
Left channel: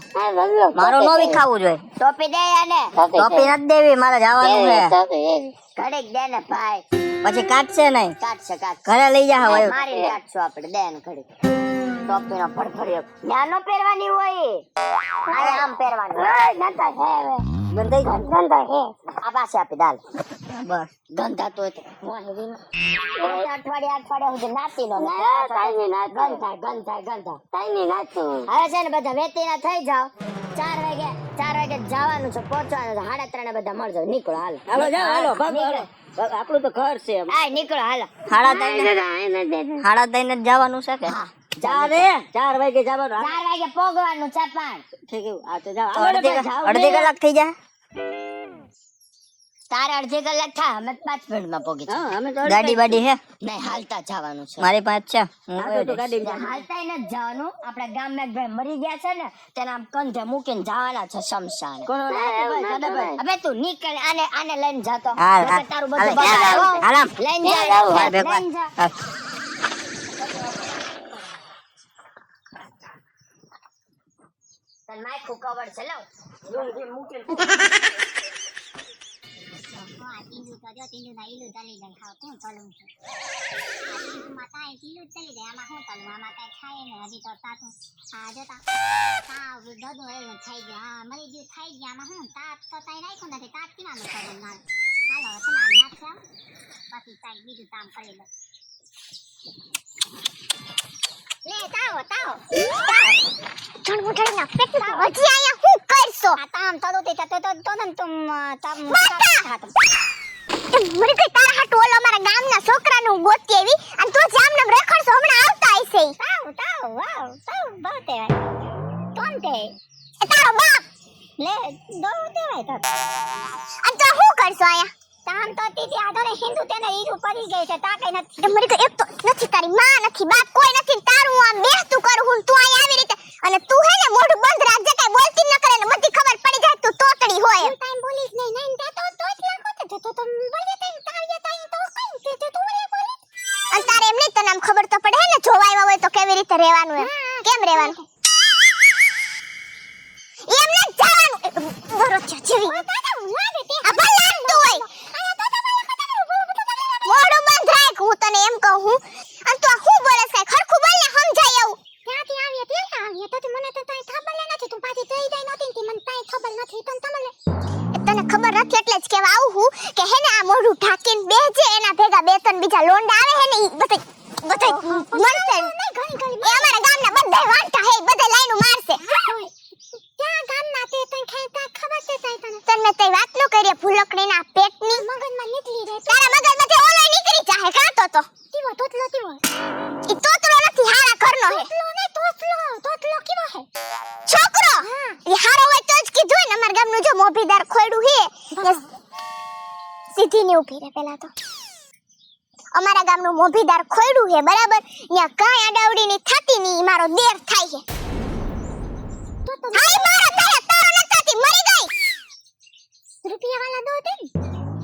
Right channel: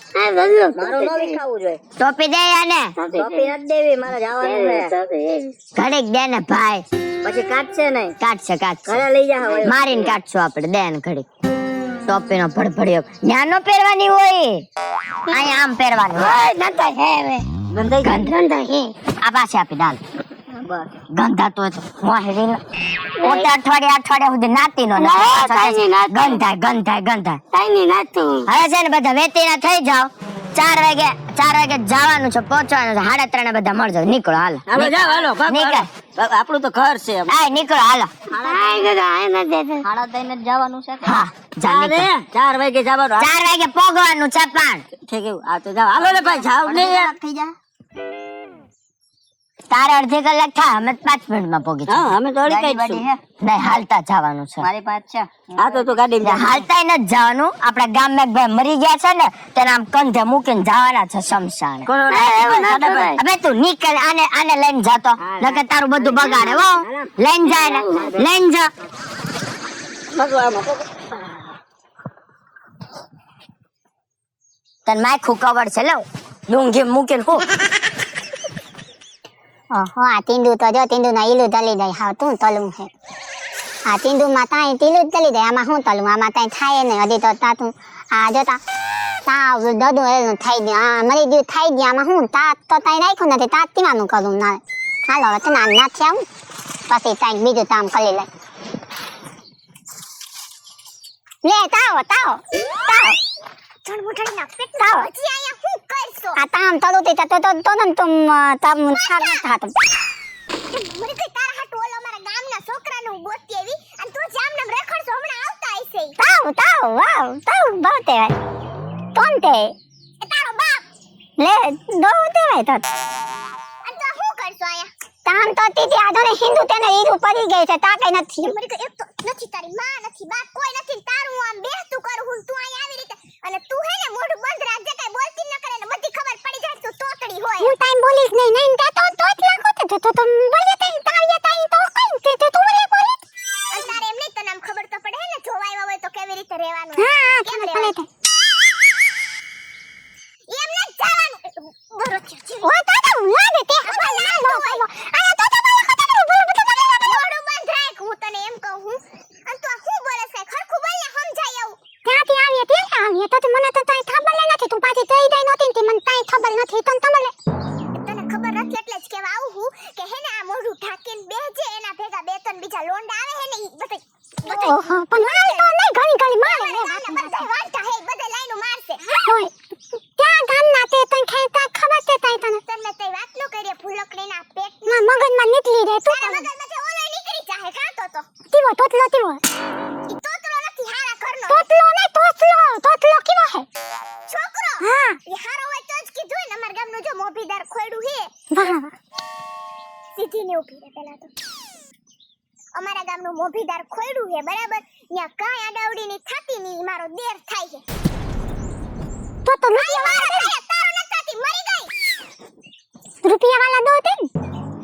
મારો નો વિખાવું જોઈએ ટોપી દે આને ટોપી નથી દેવી મારે જવાનું છે ઘડીક દે ને ભાઈ પછી કાટશે નહીં કાટશે ઘરે લઈ જા હવે મારીને કાટશું આપણે દે ને ઘડીક ટોપી નો ભડભડિયો ન્યાનો પહેરવાની હોય અહીંયા આમ પહેરવાની આ પાસે આપી દાલ ગંધા તો મોહેરી ઓતે અઠવાડિયા સુધી નાતી નો ગંધાય હવે છે ને બધા વેતીના થઈ જાવ 4 વાગે જવાનું છે પહોંચવાનું છે 3:30 બધા મળજો નીકળો હાલો હાલો જાવ હાલો નીકળ આપણું તો ઘર છે હા નીકળો હાલો 3:30 જ જવાનું છે કે હા જા અરે 4 વાગે જવાનું 4 વાગે પોગવાનું છે પણ ઠીક આ તો જાવ હાલો ને ભાઈ જાવ અડધી કલાક થઈ જા તારે અડધી કલાક થાય અમે 5 મિનિટમાં પોગી હા અમે તો ગાડી બાડી હે નહીં હાલતા જવાનું છે મારી પાસે છે હા તો તું ગાડી હાલતા નથી જવાનું આપણા ગામમાં એક ભાઈ મરી ગયા છે ને તેને આમ કંધે મૂકીને જવાના છે શમશાન હવે તું નીકળ આને લઈને જાતો નકર તારું બધું બગાડે હો લઈને જાય લઈને જા તન માખું કવર છે લો લુંગી મૂકીને હું ઓહો આ તીંડુ તો જો તીંડુ ના ઈલું તલી દઈ હા તું તલું છે આ તીંડુ માં તાઈ તીલું તલી દઈ આમાં હું તલું આમાં તાઈ થાય ને હજી તો તા તું આ જોતા તા દદુ એનું થઈ ગયું આ મરી ગયું થઈ ગયા આમાં હું તા તો તાઈ રાખ્યું નથી તા તીવાનું કરું ના હાલો હવે તને ના થયા પછી તાઈ બીજું તામ કરી લે લે તાવ હજી અહીંયા હું કરશો આ તામ તલુતી તો તમ તામ થાતો મને કઈ તારા હાટુ ઓલો મારા ગામના છોકરાનું ગોતી આવી અને તું જામનમ રેખડસો હમણાં આવતા હશે તાવ બહતે કોણ તે એ તારો બાપ લે બહતે ભાઈ તો અને તો હું કરશો અહીંયા તામ તો તીતી આધોને હિન્દુ તેને ઈરું પડી ગઈ છે તા કઈ નથી મને કઈ એક તો નથી તારી માં નથી બાપ કોઈ નથી તારું આમ બેસતું કરું હું તું અહીંયા આવી રીતે અને તું હે ને મોઢું બંધ રાખજે કઈ બોલતી ન કરે ને બધી ખબર પડી જાય તું તોતડી હોય હું ટાઈમ બોલીશ નહીં તા તો જ લાગો તો બોલે તઈ તાળિયા તાઈ તો કઈ તે તું રે બોલે અને તારે એમ નહીં તને આમ ખબર તો પડે ને જોવા આવ્યા હોય તો કેવી રીતે રહેવાનું કેમ રહેવાનું એમ ન જવાનું બરો ચચી વા તા વાગે તે આ લાગતો હોય આ તો મોઢું બંધ રાખ હું તને એમ કહું હું અને તું હું બોલે છે ખરખું બોલ ને સમજાય એવું ક્યાંથી આવીએ તે આવીએ તો મને તો તાઈ ખબર નથી તું પાછી જઈ દઈ નહોતી તે મને તાઈ ખબર નથી તને ખબર નથી એટલે જ કેવા આવું હું કે હે ને આ મોઢું ઢાકીને બેજે એના ભેગા બે ત્રણ બીજા લોંડા આવે હે ને ઈ બધે મને તો નહીં ઘણી મારા ગામના બધા વાંટા હે બધા લાઈનો મારશે ત્યાં ગામના તે તને ખેતા ખબર છે તને તને તઈ વાત નો કરીએ ભૂલકડીના પેટના મગજમાં નીકળી રહે તારા મગજ એ હારો હોય તો જ કીધું ને અમાર ગામનું જો મોભીદાર ખોયડું હે સીધી ને ઊભી રહે પેલા તો અમારા ગામનું મોભીદાર ખોયડું હે બરાબર ન્યા કાંઈ અડાવડી ની થાતી ની મારો દેર થાય છે તો નહીં મારા થાય તારો ન થાતી મરી ગઈ રૂપિયા વાલા દો તે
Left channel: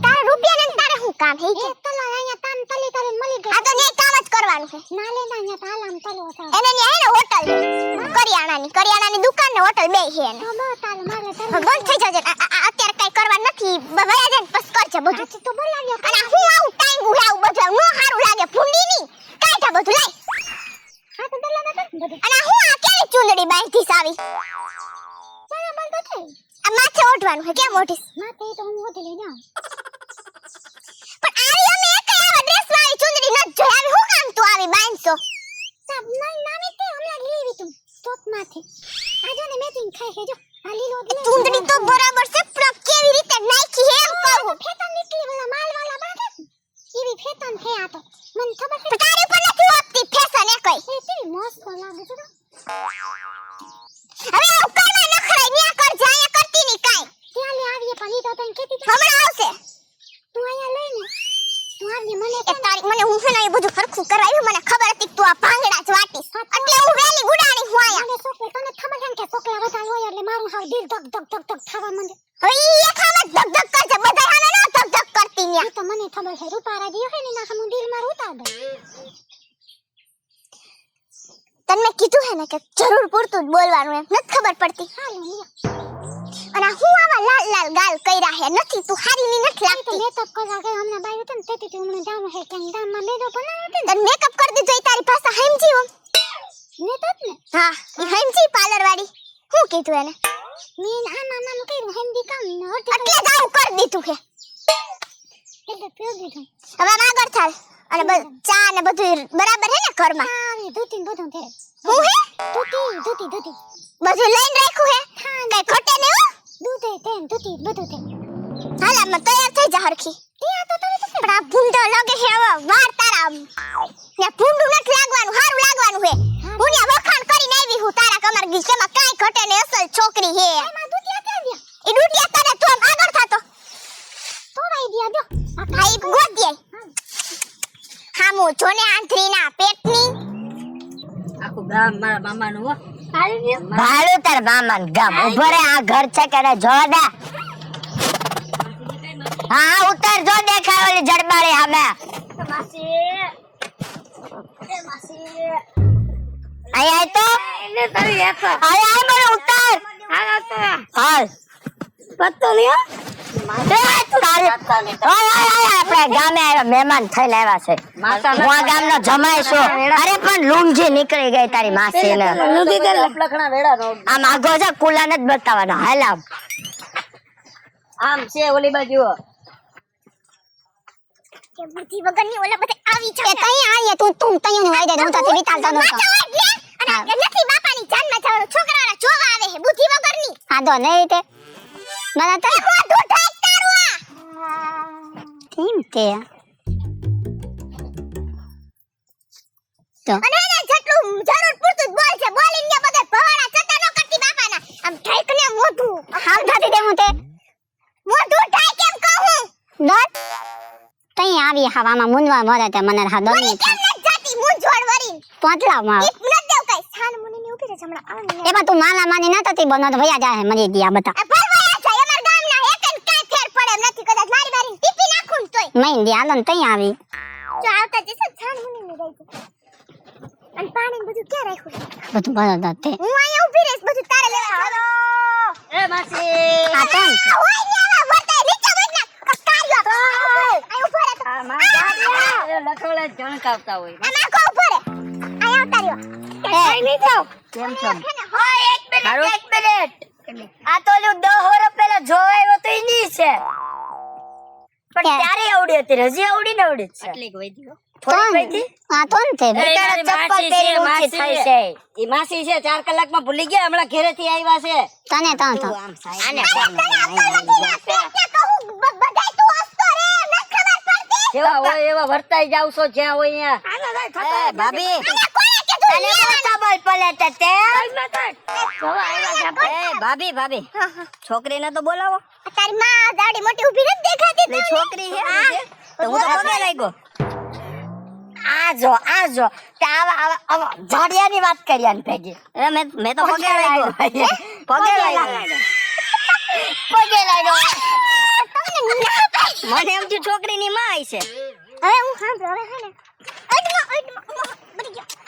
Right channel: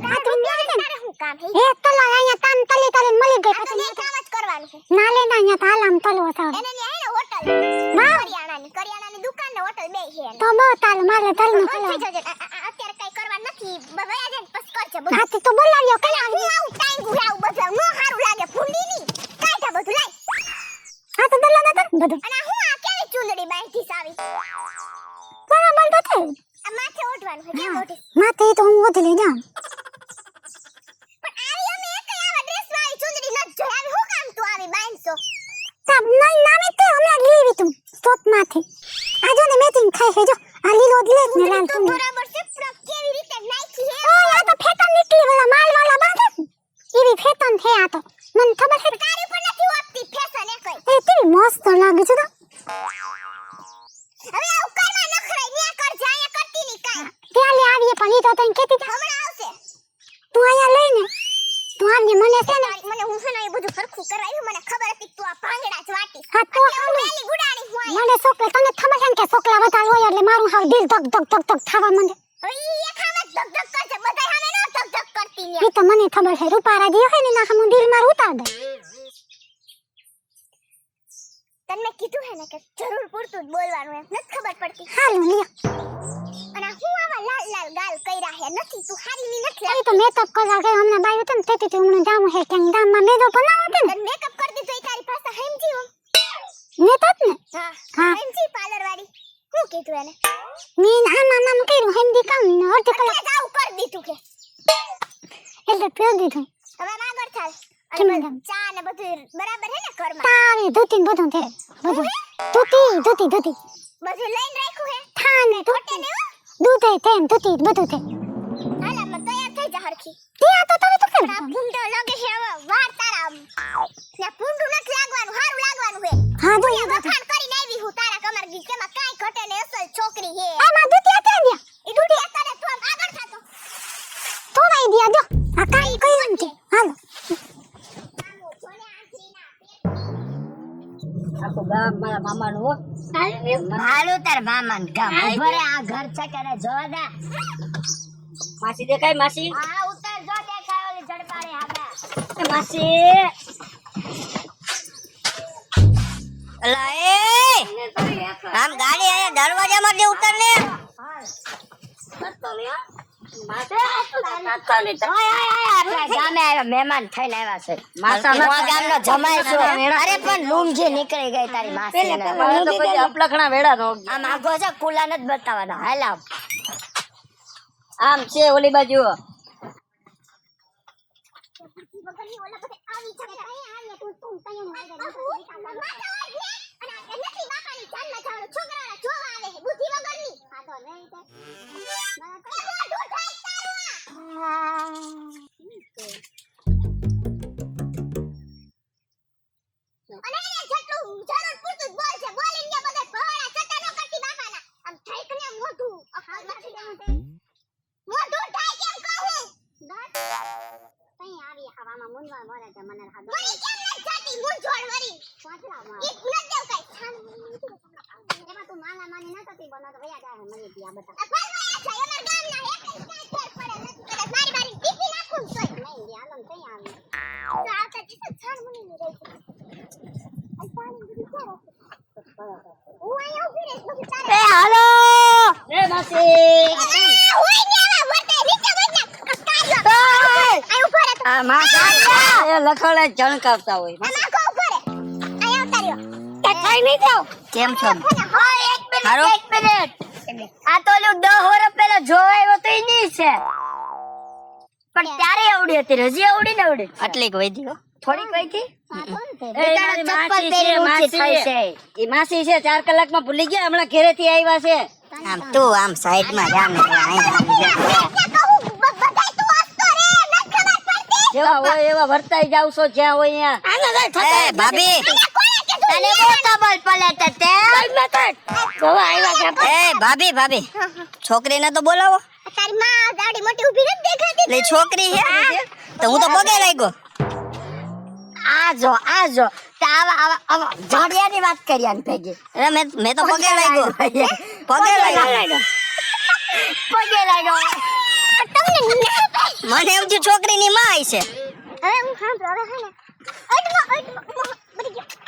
તાર રૂપિયા ને તારે હું કામ હે એ તલા અહીંયા તાન તલી તારે મળી ગઈ આ તો એ કામ જ કરવાનું છે ના લે ના અહીંયા તાલામ તલો હતા એને ને હે ને હોટલ કરિયાણાની દુકાન ને હોટલ બે છે તો બો તાલ મારે તાલ બંધ થઈ જજે અત્યારે કઈ કરવા નથી વયા જાય પસ કરજે બધું હાથી તો બોલાવ્યો કલા હું આવું ટાઈમ ગુલાવ બધું નો હારું લાગે ફૂંડી ની કાઢા બધું લઈ હા તો બોલા ના બધું અને હું આ કેની ચૂંદડી બાંધી સાવી બરાબર તો થઈ આ માથે ઓઢવાનું છે કેમ ઓઢીસ માથે તો હું ઓઢી લઈ જાઉં પણ આવી અમે એક આવા ડ્રેસ વાળી ચૂંદડી ન જોઈ આવી હું કામ તું આવી બાંધશો તમ નામે તે અમે લેવી તું સ્ટોપ માથે આજો ને મેચિંગ થાય છે જો આ લીલો લે ચૂંદડી તો બરાબર છે પણ કેવી રીતે નાખી હે તો ફેટન નીકળી વાલા માલ વાલા બાંધે એવી ફેટન છે આ તો મને ખબર છે તારી પર નથી આપતી ફેશન એ કઈ એ તેવી મસ્ત લાગે છે તો હવે આવ કરવા નખરાઈ ન્યા કર જાય કરતી ની કાઈ ત્યાં લે આવીએ પણ ઈ તો તને કેતી હમણાં આવશે તું આયા લઈને તું આમને મને છે તારી મને હું છે ને એ બધું ફરખું કરાવ્યું મને ખબર હતી તું આ ભાંગડા જ વાટીસ એટલે હું વેલી ગુડાણી હું આયા મને સોકલે તને ખબર છે કે સોકલા વધારે હોય એટલે મારું હાવ દિલ ધક ધક ધક ધક થાવા માંડે હવે ઈ એખામાં ધક ધક કરજે બધાય હામે ના ધક ધક કરતી ન્યા ઈ તો મને ખબર છે રૂપારા દિયો હે ને ના હમ દિલ માર ઉતાર દે તને મેં કીધું હે ને કે જરૂર પૂરતું જ બોલવાનું એમ નથી ખબર પડતી હાલું લ્યો અને હું આવા લાલ લાલ ગાલ કઈરા હે નથી તું હારી ની નથી લાગતી તો મેકઅપ કરવા ગઈ હમણાં બાયું તને તેથી તું હમણાં જામ હે કે દામમાં મેદો બનાવો તને તને મેકઅપ કરી દીધો ઈ તારી પાસે હેમજી હો મેકઅપ ને હા હેમજી પાર્લર વાળી હું કીધું એને મીન આમાં નામ કર્યું હેમજી કામ ને એટલે જાવ કરી દીધું હે એટલે પી દીધું હવે આગળ ચાલ અને ચા ને બધું બરાબર હે ને ઘરમાં ચા ને ધોતી બધું છે ધોતી બધું લઈને રાખ્યું હે થાને ઘટે ને હો દૂધ હે તેમ ધોતી બધું છે હાલા મ તૈયાર થઈ જા હરખી ત્યાં તો તમે તો બડા ભૂંડો લાગે છે હવે વાર તારા ને ભૂંડું નથી લાગવાનું હારું લાગવાનું હે હા દુનિયા વખાણ કરીને આવી હું તારા કમર ગી કેમાં કાઈ ઘટે ને અસલ છોકરી હે આમાં દુતિયા ત્યાં દે ઈ દુતિયા તારે તો આગળ થાતો તો ભાઈ દિયા જો આ કાઈ ગોતી હાલ હામો જોને આંધરીના પેટની આખું ગામ મારા મામાનું હો ભાડું તાર મામાન ગામ ઉભો રે આ ઘર છે કે જોડા માસી દેખાય માસી હા ઉતર જો દેખાય ઓલી જડબારી સામે માસી આય તારી એક દરવાજામાંથી ઉતર ને હાલ પત્તો લ્યો આપણે ગામે આવ્યા મહેમાન થઈને આવ્યા છે હું આ ગામનો જમાઈ છું અરે પણ લૂંગજી નીકળી ગઈ તારી માસી ને લખણા વેડા નો આમ આગો છે કુલાને જ બતાવવાનો હાલ આમ છે ઓલી બાજુ કે બુદ્ધિ વગરની ઓલા બધે આવી છે તઈ આઈએ તું તઈ ને વાયદે હું તો વિતાલતો નતો અને નથી બાપાની જાનમાં જવાનું છોકરાના જોવા આવે છે બુદ્ધિ વગરની આ દો નહીં તે મને તો મોઢું ઢાક તારું કેમ તે તો અને એને જેટલું જરૂર પૂરતું જ બોલ છે બોલીને બધે ભવાડા ચટા ન કરતી બાપાના આમ ઢાક ને મોઢું હાલ ધાતી દે હું તે મોઢું ઢાક કેમ કહું દોત તઈ આવી હવામાં મુનવા મોરે તે મને હા દો ની જાતી મુંજોડ વરી પોતલા માં એક ન દેવ કઈ છાન મુની ની ઉભી રહે હમણાં આવે એમાં તું માલા માની ના તતી બનો તો ભયા જાય મરી દિયા બતા ભરવાયા છે અમાર ગામના એકન કાઈ ફેર પડે નથી કદાચ મારી મારી ટીપી નાખું તોય મઈન દી આલન તઈ આવી જો આવતા જશે છાન મુની ની ગઈ અને પાણી બધું ક્યાં રાખ્યું બધું ભરતા તે હું અહીંયા ઉભી રહીશ બધું તારે હાલો એ માસી આ તો ઓય ને આવા વર્તા નીચે વજના કાયો આય ઉભો રે આ માસી એ લખોડે જણકાવતા હોય ના કો ઉભો રે આય આવતા રહ્યો કઈ નહીં થયો કેમ છો હા એક મિનિટ આ તો ઓલું 10 વર્ષ પહેલા જોવાયો તો ઈ ની છે પણ ત્યારે આવડી હતી હજી આવડી ને આવડી આટલી વધી હો થોડી વધી આ તો ને તે બેટાનો ચપ્પલ પહેરી ઊંચી થઈ છે ઈ માસી છે 4 કલાકમાં ભૂલી ગયા હમણાં ઘરેથી આવ્યા છે તને તો તું આમ સાઈડમાં જા જેવા હોય એવા વર્તાઈ જાવ છો જ્યાં હોય અહીંયા એ ભાભી મને બહુ ખબર પડે છે તે એ ભાભી ભાભી છોકરીને તો બોલાવો. તારી માં દાડી મોટી ઊભી નથી દેખાતી એટલે છોકરી હે તો હું તો પગે લાગ્યો. આ જો તે આવા જાડિયાની વાત કરી આની ભેગી. એ મેં તો પગે લાગ્યો. પગે લાગ્યો. પગે લાગ્યો. મને એમ થયું છોકરીની માં આવી છે. હવે હું સાંભળો હવે હા ને બધી ગયા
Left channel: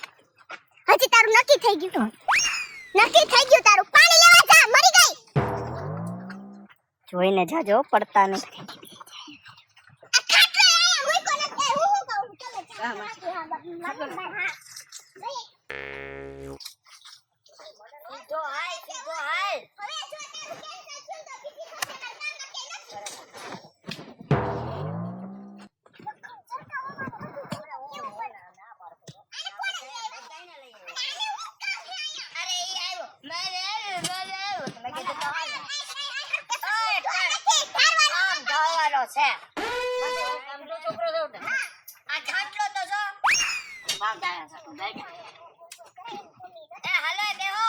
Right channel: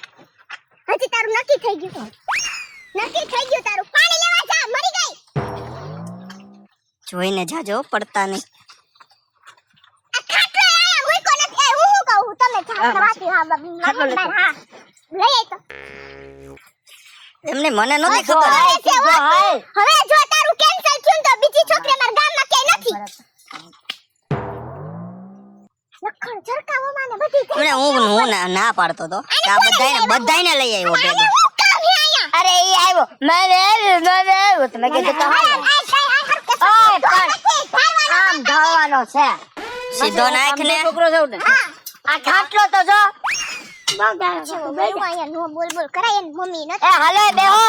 હજી તારું નક્કી થઈ ગયું તારું પાણી લેવા જા મરી ગઈ જોઈને જાજો પડતા નહીં. આ ખાટલો આયા મૂકો નથી એ હું કહું તમે વાતી હા હા લઈ આય તો એમને મને નહોતી ખબર. હવે જો તારું કેન્સલ થયું તો બીજી છોકરી અમારા ગામમાં ક્યાંય નથી લખણ ઝરકાવો માને બધી એમને હું ના પાડતો તો કે આ બધાયને લઈ આવ્યો ભેગો. અરે ઈ આવ્યો મને તમે કીધું તો આમ ધાવાનો છે સીધો નાખ ને. આ ખાટલો તો જો બોલ કરાય એની મમ્મી એ હાલે બેહો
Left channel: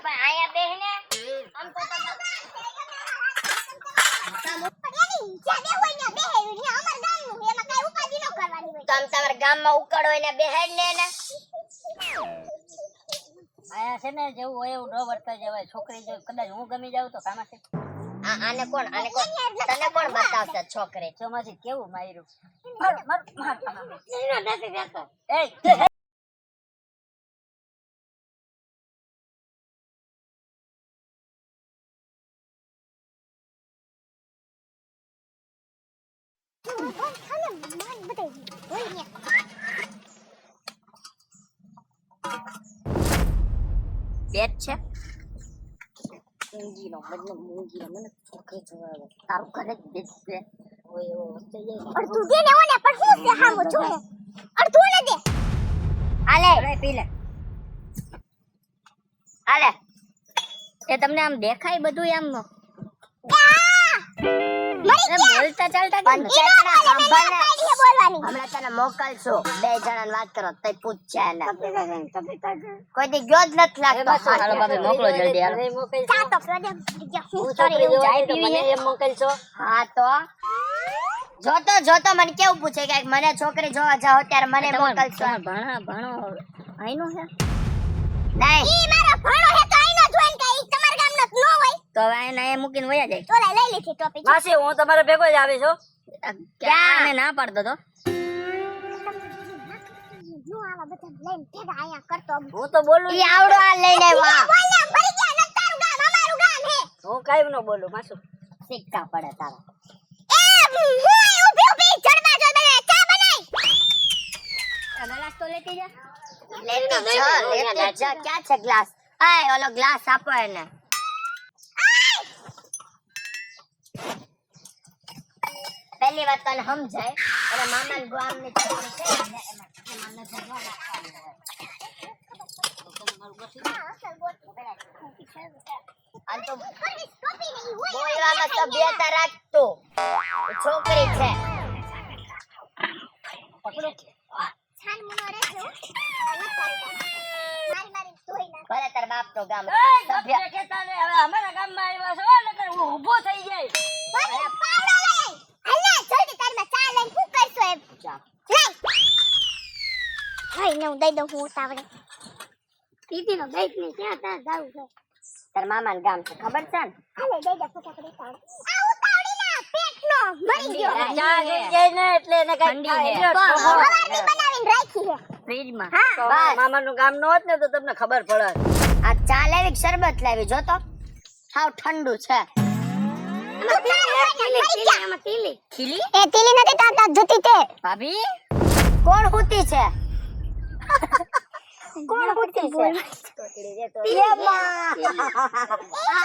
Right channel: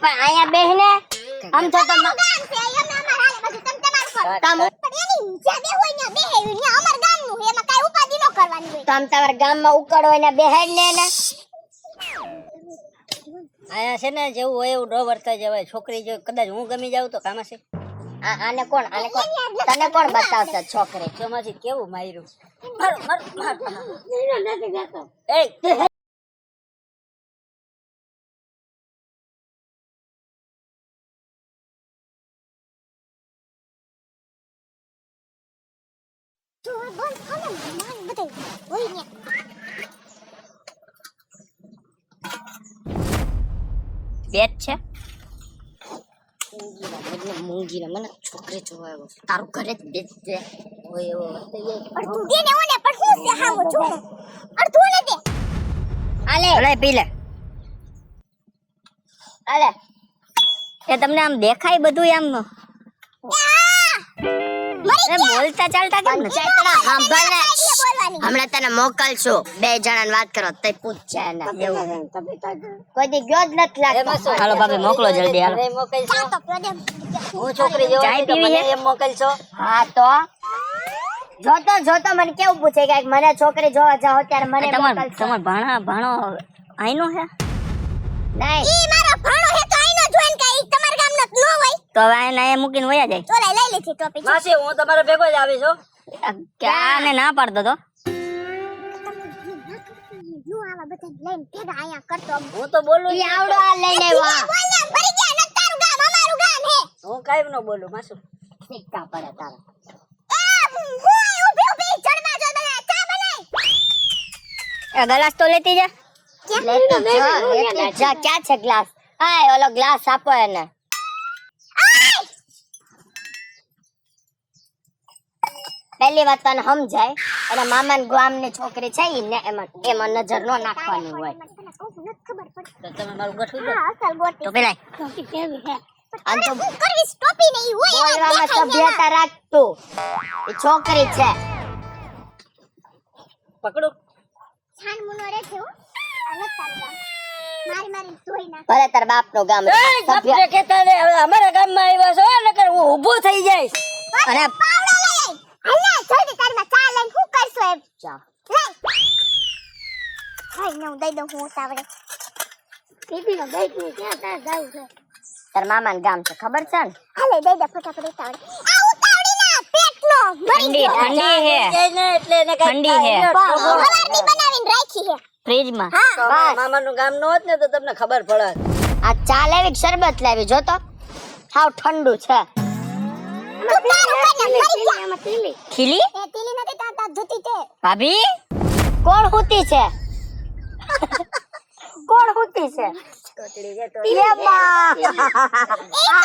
પણ અહીંયા બેહને આમ તો તમ તમારા ગામમાં ઉકળો એને બેહાડ ને આયા છે ને જેવું હોય એવું ન વર્તા જવાય. છોકરી જો કદાચ હું ગમી જાઉં તો કામ હશે. આને કોણ તને કોણ બતાવશે છોકરી ચોમાસી કેવું માર્યું. પેટ છે મૂંગીનો મને છોકરી જોવા આવ્યો તારું ઘરે જ બેસ છે હોય એવો અડધું દે ને ઓને પણ હું છે હાવો જો અડધું ને દે આલે પી લે. આલે એ તમને આમ દેખાય બધું આમ બોલતા ચાલતા કેમ નથી? ચેતના સાંભળને બોલવાની હમણાં તને મોકલશું બે જણાને વાત કરો તઈ પૂછશે એને કોઈ દી ગયો જ નથી લાગતો હાલો ભાભી મોકલો જલ્દી હાલો. જા તો પ્રદેમ હું છોકરી જોવા ચાય આવી તો પીવી મને છે? એમ મોકલશો. હા તો જોતો મને કેવું પૂછે કે મને છોકરી જોવા જાઓ ત્યારે મને મોકલશો તમાર ભાણો આઈનો હે નહીં ઈ મારો ભાણો હે તો આઈનો જોઈન કાઈ તમારા ગામનો ન હોય તો હવે આને મૂકીને વયા જાય. ચોરે લઈ લીધી ટોપી માસી હું તમારે ભેગો જ આવી છું. ક્યાં ના પાડતો તો હું આવા બધા લઈને ભેગા આયા કરતો હું તો બોલું ઈ આવડો આ લઈને વા બોલને ભરી ગયા ન તારું ગામ અમારું ગામ હે હું કાઈ ન બોલું માસુ. સિક્કા પડે તારા એ હું ઊભી જડબા જો બને ચા બનાય એ ગ્લાસ તો લેતી જા. લેતી જા ક્યાં છે ગ્લાસ આય ઓલો ગ્લાસ આપો એને પહેલી વાત તો સમજાય અને મામા ગામની છોકરી છે ને એમાં નજર નો નાખવાની હોય તો તમે મારું ગઠું દો. હા અસલ ગોટી તો પેલા ટોપી કેવી હે આમ તો હું કરવીસ ટોપી નહીં હોય બોલવામાં સભ્યતા રાખતું એ છોકરી છે પકડો. છાન મુનો રે છે મારી ધોઈ નાખ ભલે તાર બાપ નું ગામ સભ્ય કેતા ને હવે અમારા ગામમાં આવ્યા છો નકર હું ઊભો થઈ જઈશ. અરે પાવડા લઈ આય જલ્દી તારમાં ચા લઈને હું કરશો એમ ચા. લઈ ભાઈ ને હું દઈ દઉં હું તાવડે પીપી નો ગઈ ને ત્યાં ત્યાં જાવ છે તાર મામા ગામ છે ખબર છે ને હાલે દઈ દે ફટાફટ ઉતાવળે આ ઉતાવળી ના પેટનો મરી ગયો ઠંડી હે એટલે એને ઠંડી હે સવારની બનાવીને રાખી હે ફ્રીજમાં. હા બસ મામાનું ગામ ન હોત ને તો તમને ખબર પડે. આ ચા લેવી કે શરબત લેવી જો તો હાવ ઠંડુ છે તું તાર હોય ને મરી જા એમાં તીલી ખીલી એ તીલી નથી તાતા જુતી તે ભાભી કોણ હુતી છે કોણ હુતી છે ઈ તો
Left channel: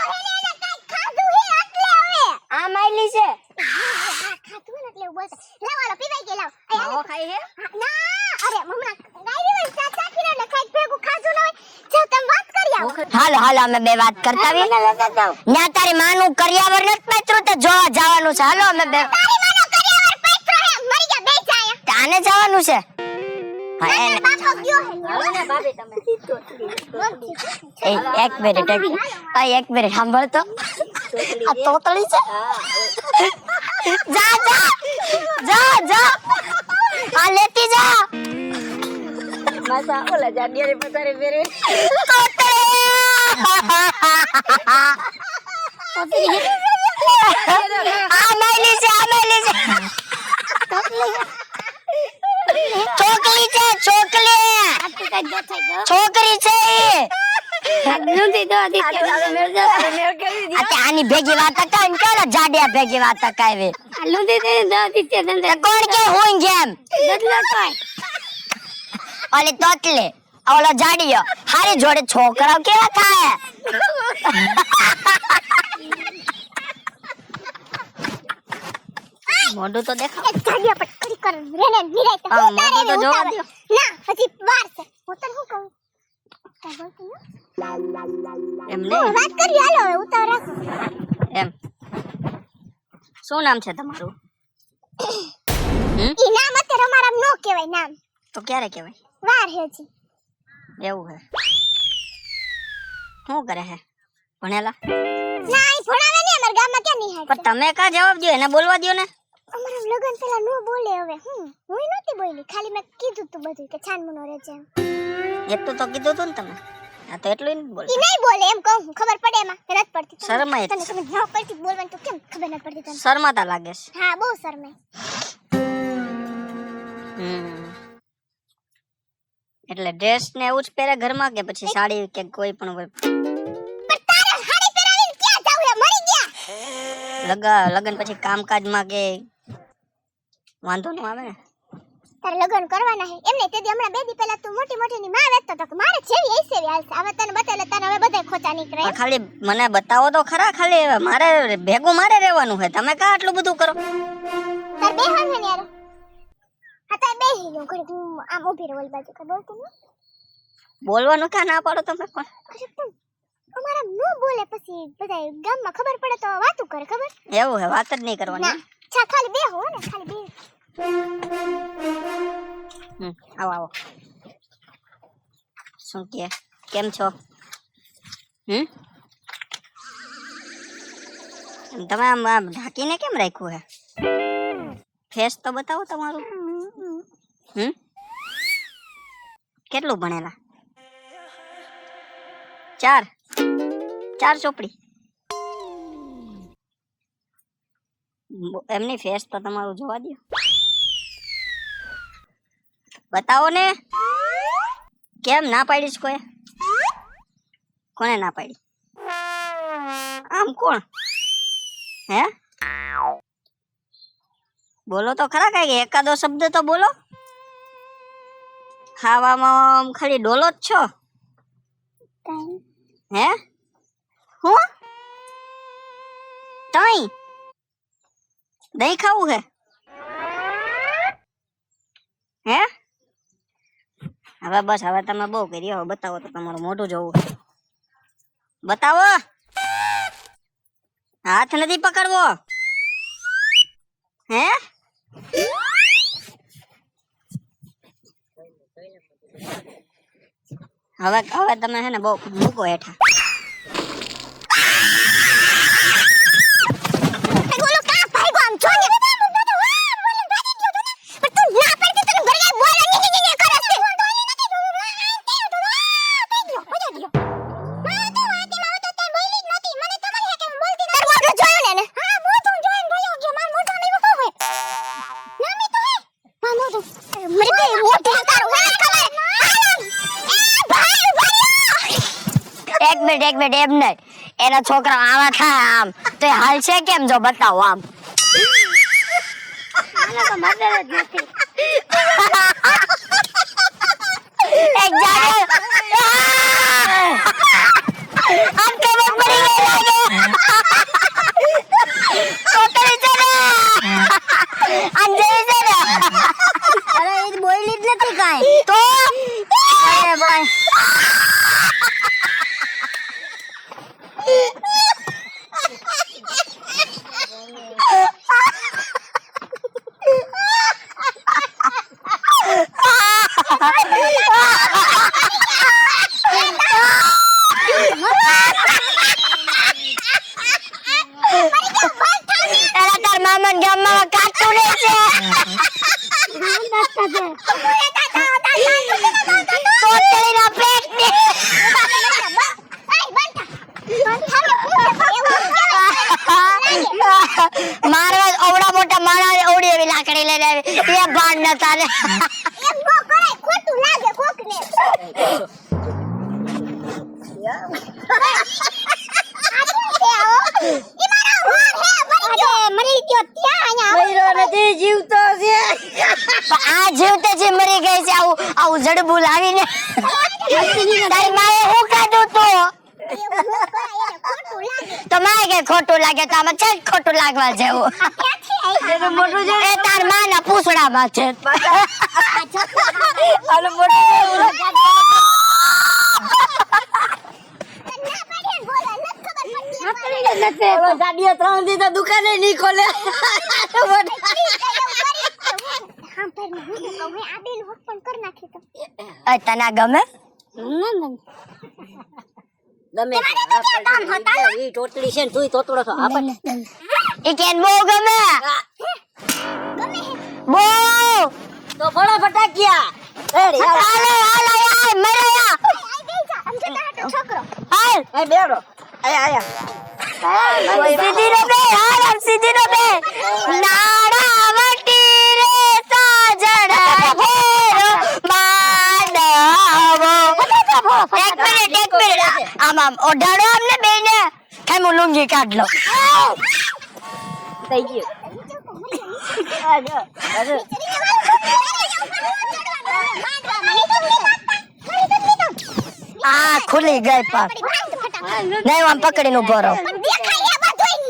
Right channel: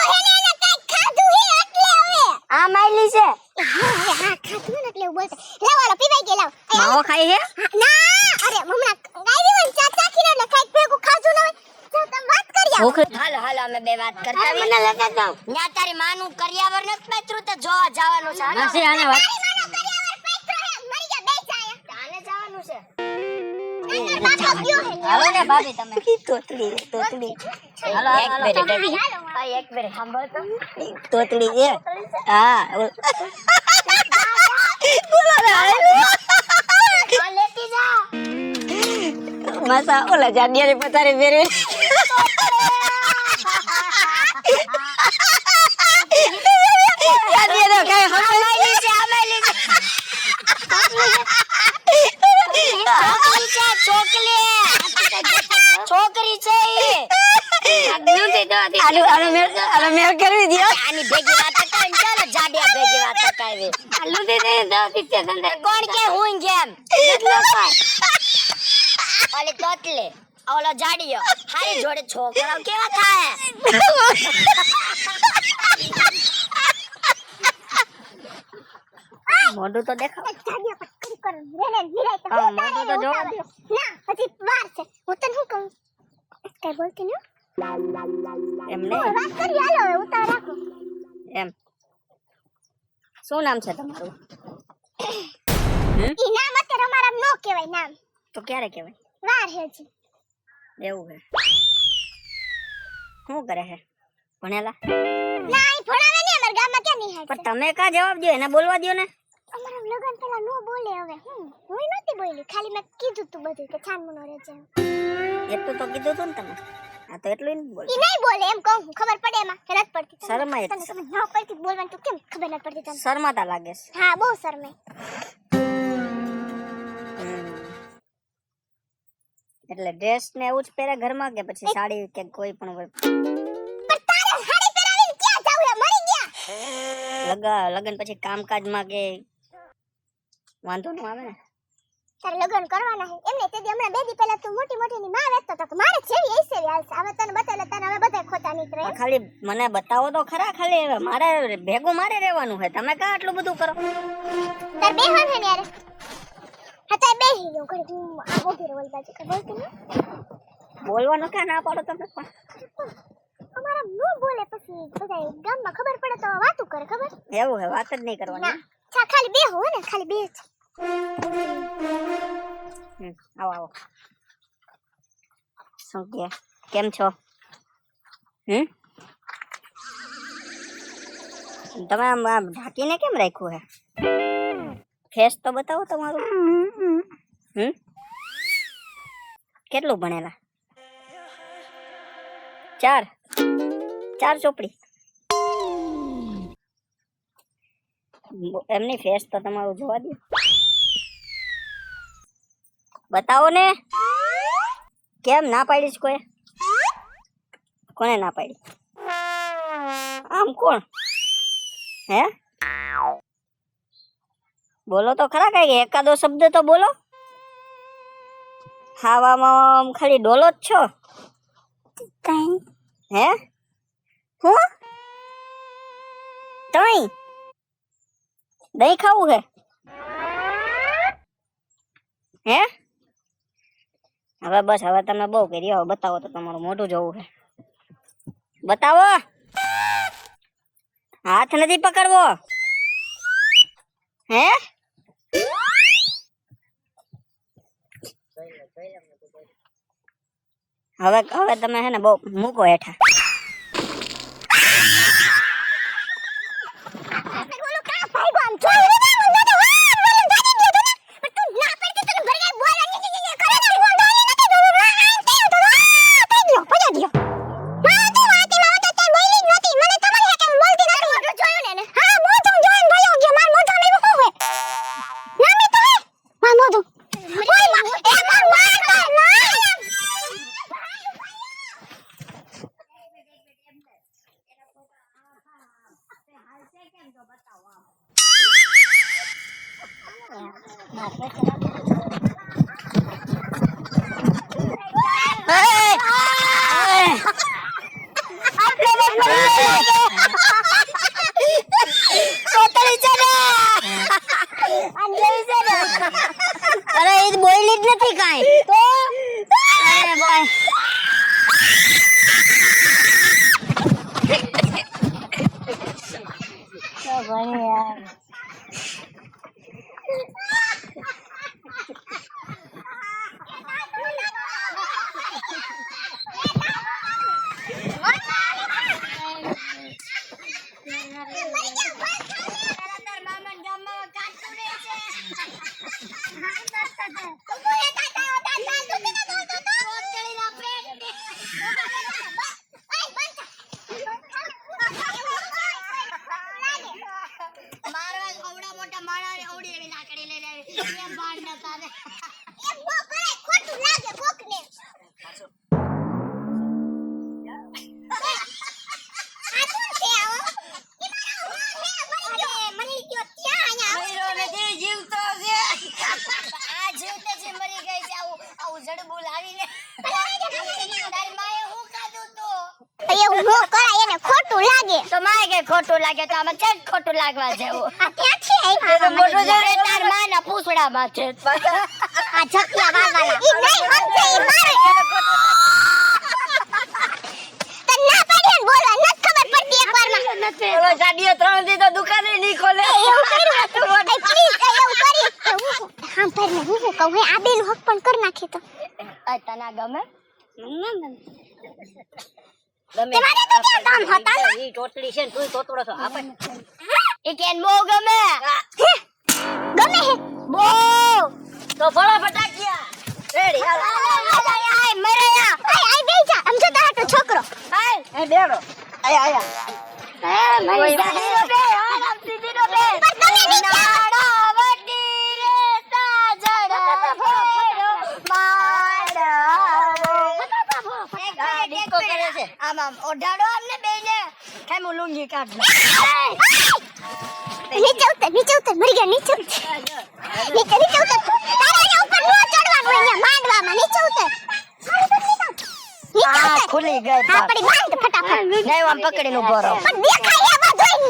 હેને એને કઈક ખાધું હે એટલે હવે આ માયલી છે હા ખાધું ને એટલે બોલતા લેવાળો પીવાઈ કે લાવ માવો ખાઈ હે ના અરે હમણાં ગાયવી મને ચા ચાખીને એટલે કઈક ભેગું ખાધું ન હોય જા તમે વાત કરી હાલો હાલો અમે બે વાત કરતા આવી ન્યા તારી માનું કરિયાવર નથી પાત્રું તો જોવા જવાનું છે હાલો અમે બે તારી માનો કરિયાવર પૈત્રો હે મરી જા બેસ આયા તાને જવાનું છે હા એને બાપો ગયો હે હાલો ને ભાભી તમે તોતડી એક મિનિટ એક મિનિટ સાંભળ તો તોતડી આ તોતળી છે હા જા આ લેતી જા માસા ઓલા જાડિયાની પતારે મેરે છોકરી છે આની ભેગી વાત હતા જાડિયા ભેગી વાત કાવી કોણ કે હું જેમ ઓલી તોતલે ઓલો જાડિયો હારી જોડે છોકરાઓ કેવા થાય મોઢું તો દેખાવ એ જાડિયા પર કરી કર રેને નિરાય તો હા, મોઢું તો જોવા દ્યો. ના હજી વાર છે હું તને શું કહું કઈ બોલતી ન એમ હું નહીં વાત કરી હાલો હવે ઉતાર રાખો એમ શું નામ છે તમારું ઈ નામ અત્યારે અમારા નો કહેવાય નામ તો ક્યારે કહેવાય વાર હે જી એવું હે શું કરે હે ભણેલા ના ઈ ભણાવે ને અમારા ગામમાં ક્યાં નિહાળ પણ તમે કા જવાબ દો એને બોલવા દો ને અમારા લગન પેલા નો બોલે હવે હું નહોતી બોલી ખાલી મેં કીધું તું બધું કે છાનમુનો રહેજે એટલું તો કીધું તું ને તમે આ તો એટલું નહીં બોલ ઈ નહીં બોલે એમ કહું છું. ખબર પડે એમાં કે નથી પડતી શરમાય તને ખબર ન પડતી બોલવાનું તો કેમ ખબર ન પડતી તને શરમાતા લાગે છે હા બહુ શરમે એટલે ડ્રેસ ને એવું જ પહેરે ઘરમાં કે પછી સાડી કે કોઈ પણ હોય પણ તારે સાડી પહેરાવીને ક્યાં જાવ હે મરી ગયા લગન પછી કામકાજમાં કે વાંધો ન આવે ને તારે લગન કરવાના હે એમને તે દી હમણાં બે દી પહેલા તું મોટી મોટી ની માં વેચતા તો મારે છેવી એસે હાલશે હવે તને બતાલે તારે હવે બધાય ખોટા નીકળે પણ ખાલી મને બતાવો તો ખરા ખાલી મારે ભેગું મારે રહેવાનું હોય તમે કા આટલું બધું કરો તાર બે હા ને યાર હા તાર બે હી નો ઘરે આ ઉભી રહે ઓલી બાજુ ખબર તને બોલવાનું ક્યાં ના પાડો તમે પણ અરે તું અમારા નો બોલે પછી બધાય ગામમાં ખબર પડે તો વાતો કરે ખબર એવું હે વાત જ નહીં કરવાની ના છા ખાલી બે હો ને ખાલી બે જ આવો આવો શું કે કેમ છો તમે આમ ઢાંકીને કેમ રાખ્યું હે ફેસ તો બતાવો તમારું કેટલું ભણેલા 4 ચોપડી એમની ફેસ તો તમારું જોવા દો બતાવો ને કેમ ના પાડીશ કોને ના પાડી આમ કોણ હે બોલો તો ખરા કઈ એકાદો શબ્દ તો બોલો ખાવામાં ખાલી ડોલો જ છો કઈ હે હું તઈ દહીં ખાવું હે હવે બસ હવે તમે બહુ કરી હવે બતાવો તો તમારું મોઢું જોવું બતાવો હાથ નથી પકડવો હે હવે તમે હે ને બહુ મૂકો હેઠા બોલો કા ભાઈ કોમ છોડી દે મને તો વાર વાલે દાદી દે ને પણ તું ના પડતી તને ઘરે બોલ ની કરે છે બોલી નથી તો પજા દિયો ના તો વાતી માં તો તે બોલી નહોતી મને તો મને કે બોલતી નથી મોઢું જોયું ને હા મોઢું જોઈને ભયો કે માર મોઢું ને શું હે ના મે તો હે માર મોઢું મરી ગઈ મોઢે તાર વાળ ખબર એક મિનિટ એમ નહીં એના છોકરા આવા થાય આમ તો એ હાલ છે કેમ જો બતાવો આમ એક જાડિયા આમ કેવી પડી છોકરી છે ને આમ જેવી છે ને અરે એ બોલી જ નથી કાઈ તો અરે ભાઈ એલા તાર મામા ગામમાં કાટું ને છે કોતરીના પેટને મારવા ઓવડા મોટા માણા ઓડી એવી લાકડી લઈને આવી એ ભાન ન તારે આ જીવતે જે મરી ગઈ છે આવું જડબું લાવીને તારી માએ હું કાઢું તો તમારે કે ખોટું લાગે તો આમાં છે ખોટું લાગવા જેવું મોટું છે એ તાર માના પૂછડામાં છે ગાડીઓ 3 દી તો દુકાને નહીં ખોલે તને ગમે ઈ ટોટલી છે ને તુંય તોતડો છો આપણે એ કેન બહુ ગમે બહુ તો ફળો ફટાકિયા રેડી હાલો હાલો આય મરે યા છોકરો આય બેડો આયા સીધી રો બે હાલ સીધી રો બે નાડા વટી રે સાજડા ઘેરો માડવો એક મિનિટ આમ ઓઢાડો આમને બેને કેમ લુંગી કાઢ લો નીચે ઉતર મરી ગયા નીચે ઉતર નીચે ઉતર તારે ઉપર નો ચડવાનું અહીંયા માંડવામાં નીચે ઉતર આ ખુલી ગઈ પણ આપણી બાંધ ફટાફટ નહીં આમ પકડીને ઉભો રહો પણ દેખાય એ બધું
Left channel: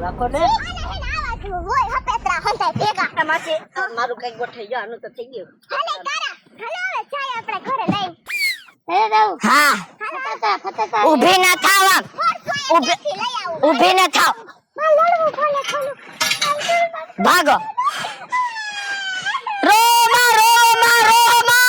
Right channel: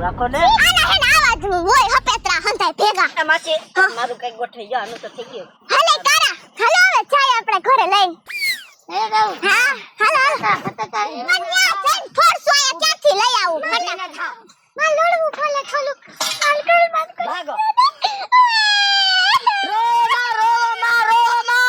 રાખો ને આના હેને આવાજ હોય હપેતરા હંધાય ભેગા તમાસી મારું કઈ ગોઠઈ ગયો આનું તો થઈ ગયું હાલે તારા હાલો હવે ચાય આપણે ઘરે લઈને હા હાલો ઊભી ના થાવ આમ ફોરસો ક્યાંથી લઈ આવું ઊભી ના થાવ માં લોડવું ખોલો ભાગો રોમા રોમા રોમા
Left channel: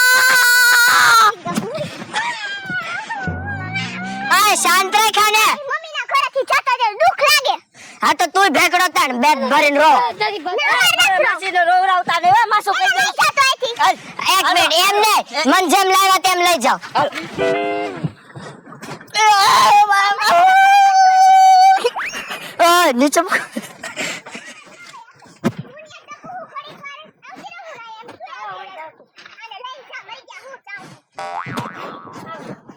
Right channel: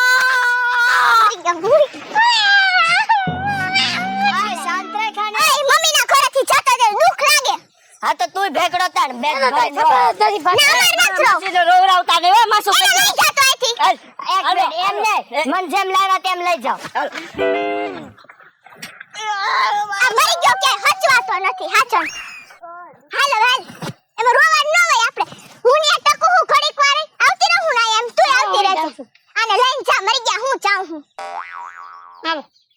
આ શાંત રહે ખાને મમ્મી ના ઘરેથી જતા દે દુખ લાગે હા તો તું ભેગડો તાણ બેગ ભરીને રો રોવરાવતા ને હોય માસુ લઈ જતો અહીંથી એક મિનિટ એમ નહીં મન જેમ લાવ્યો તેમ લઈ જાઓ મરી ગયો કે હચવાસો નથી હાચણ ઓય નીચે એમાં રોવાનું ન હોય આપણે હું ને ટકુ હું ઘડીક વાર આવતી રહું ના એમ તું આવતી રહેજો આને લઈને જા મરી ગયા હું જાઉં હું હાલો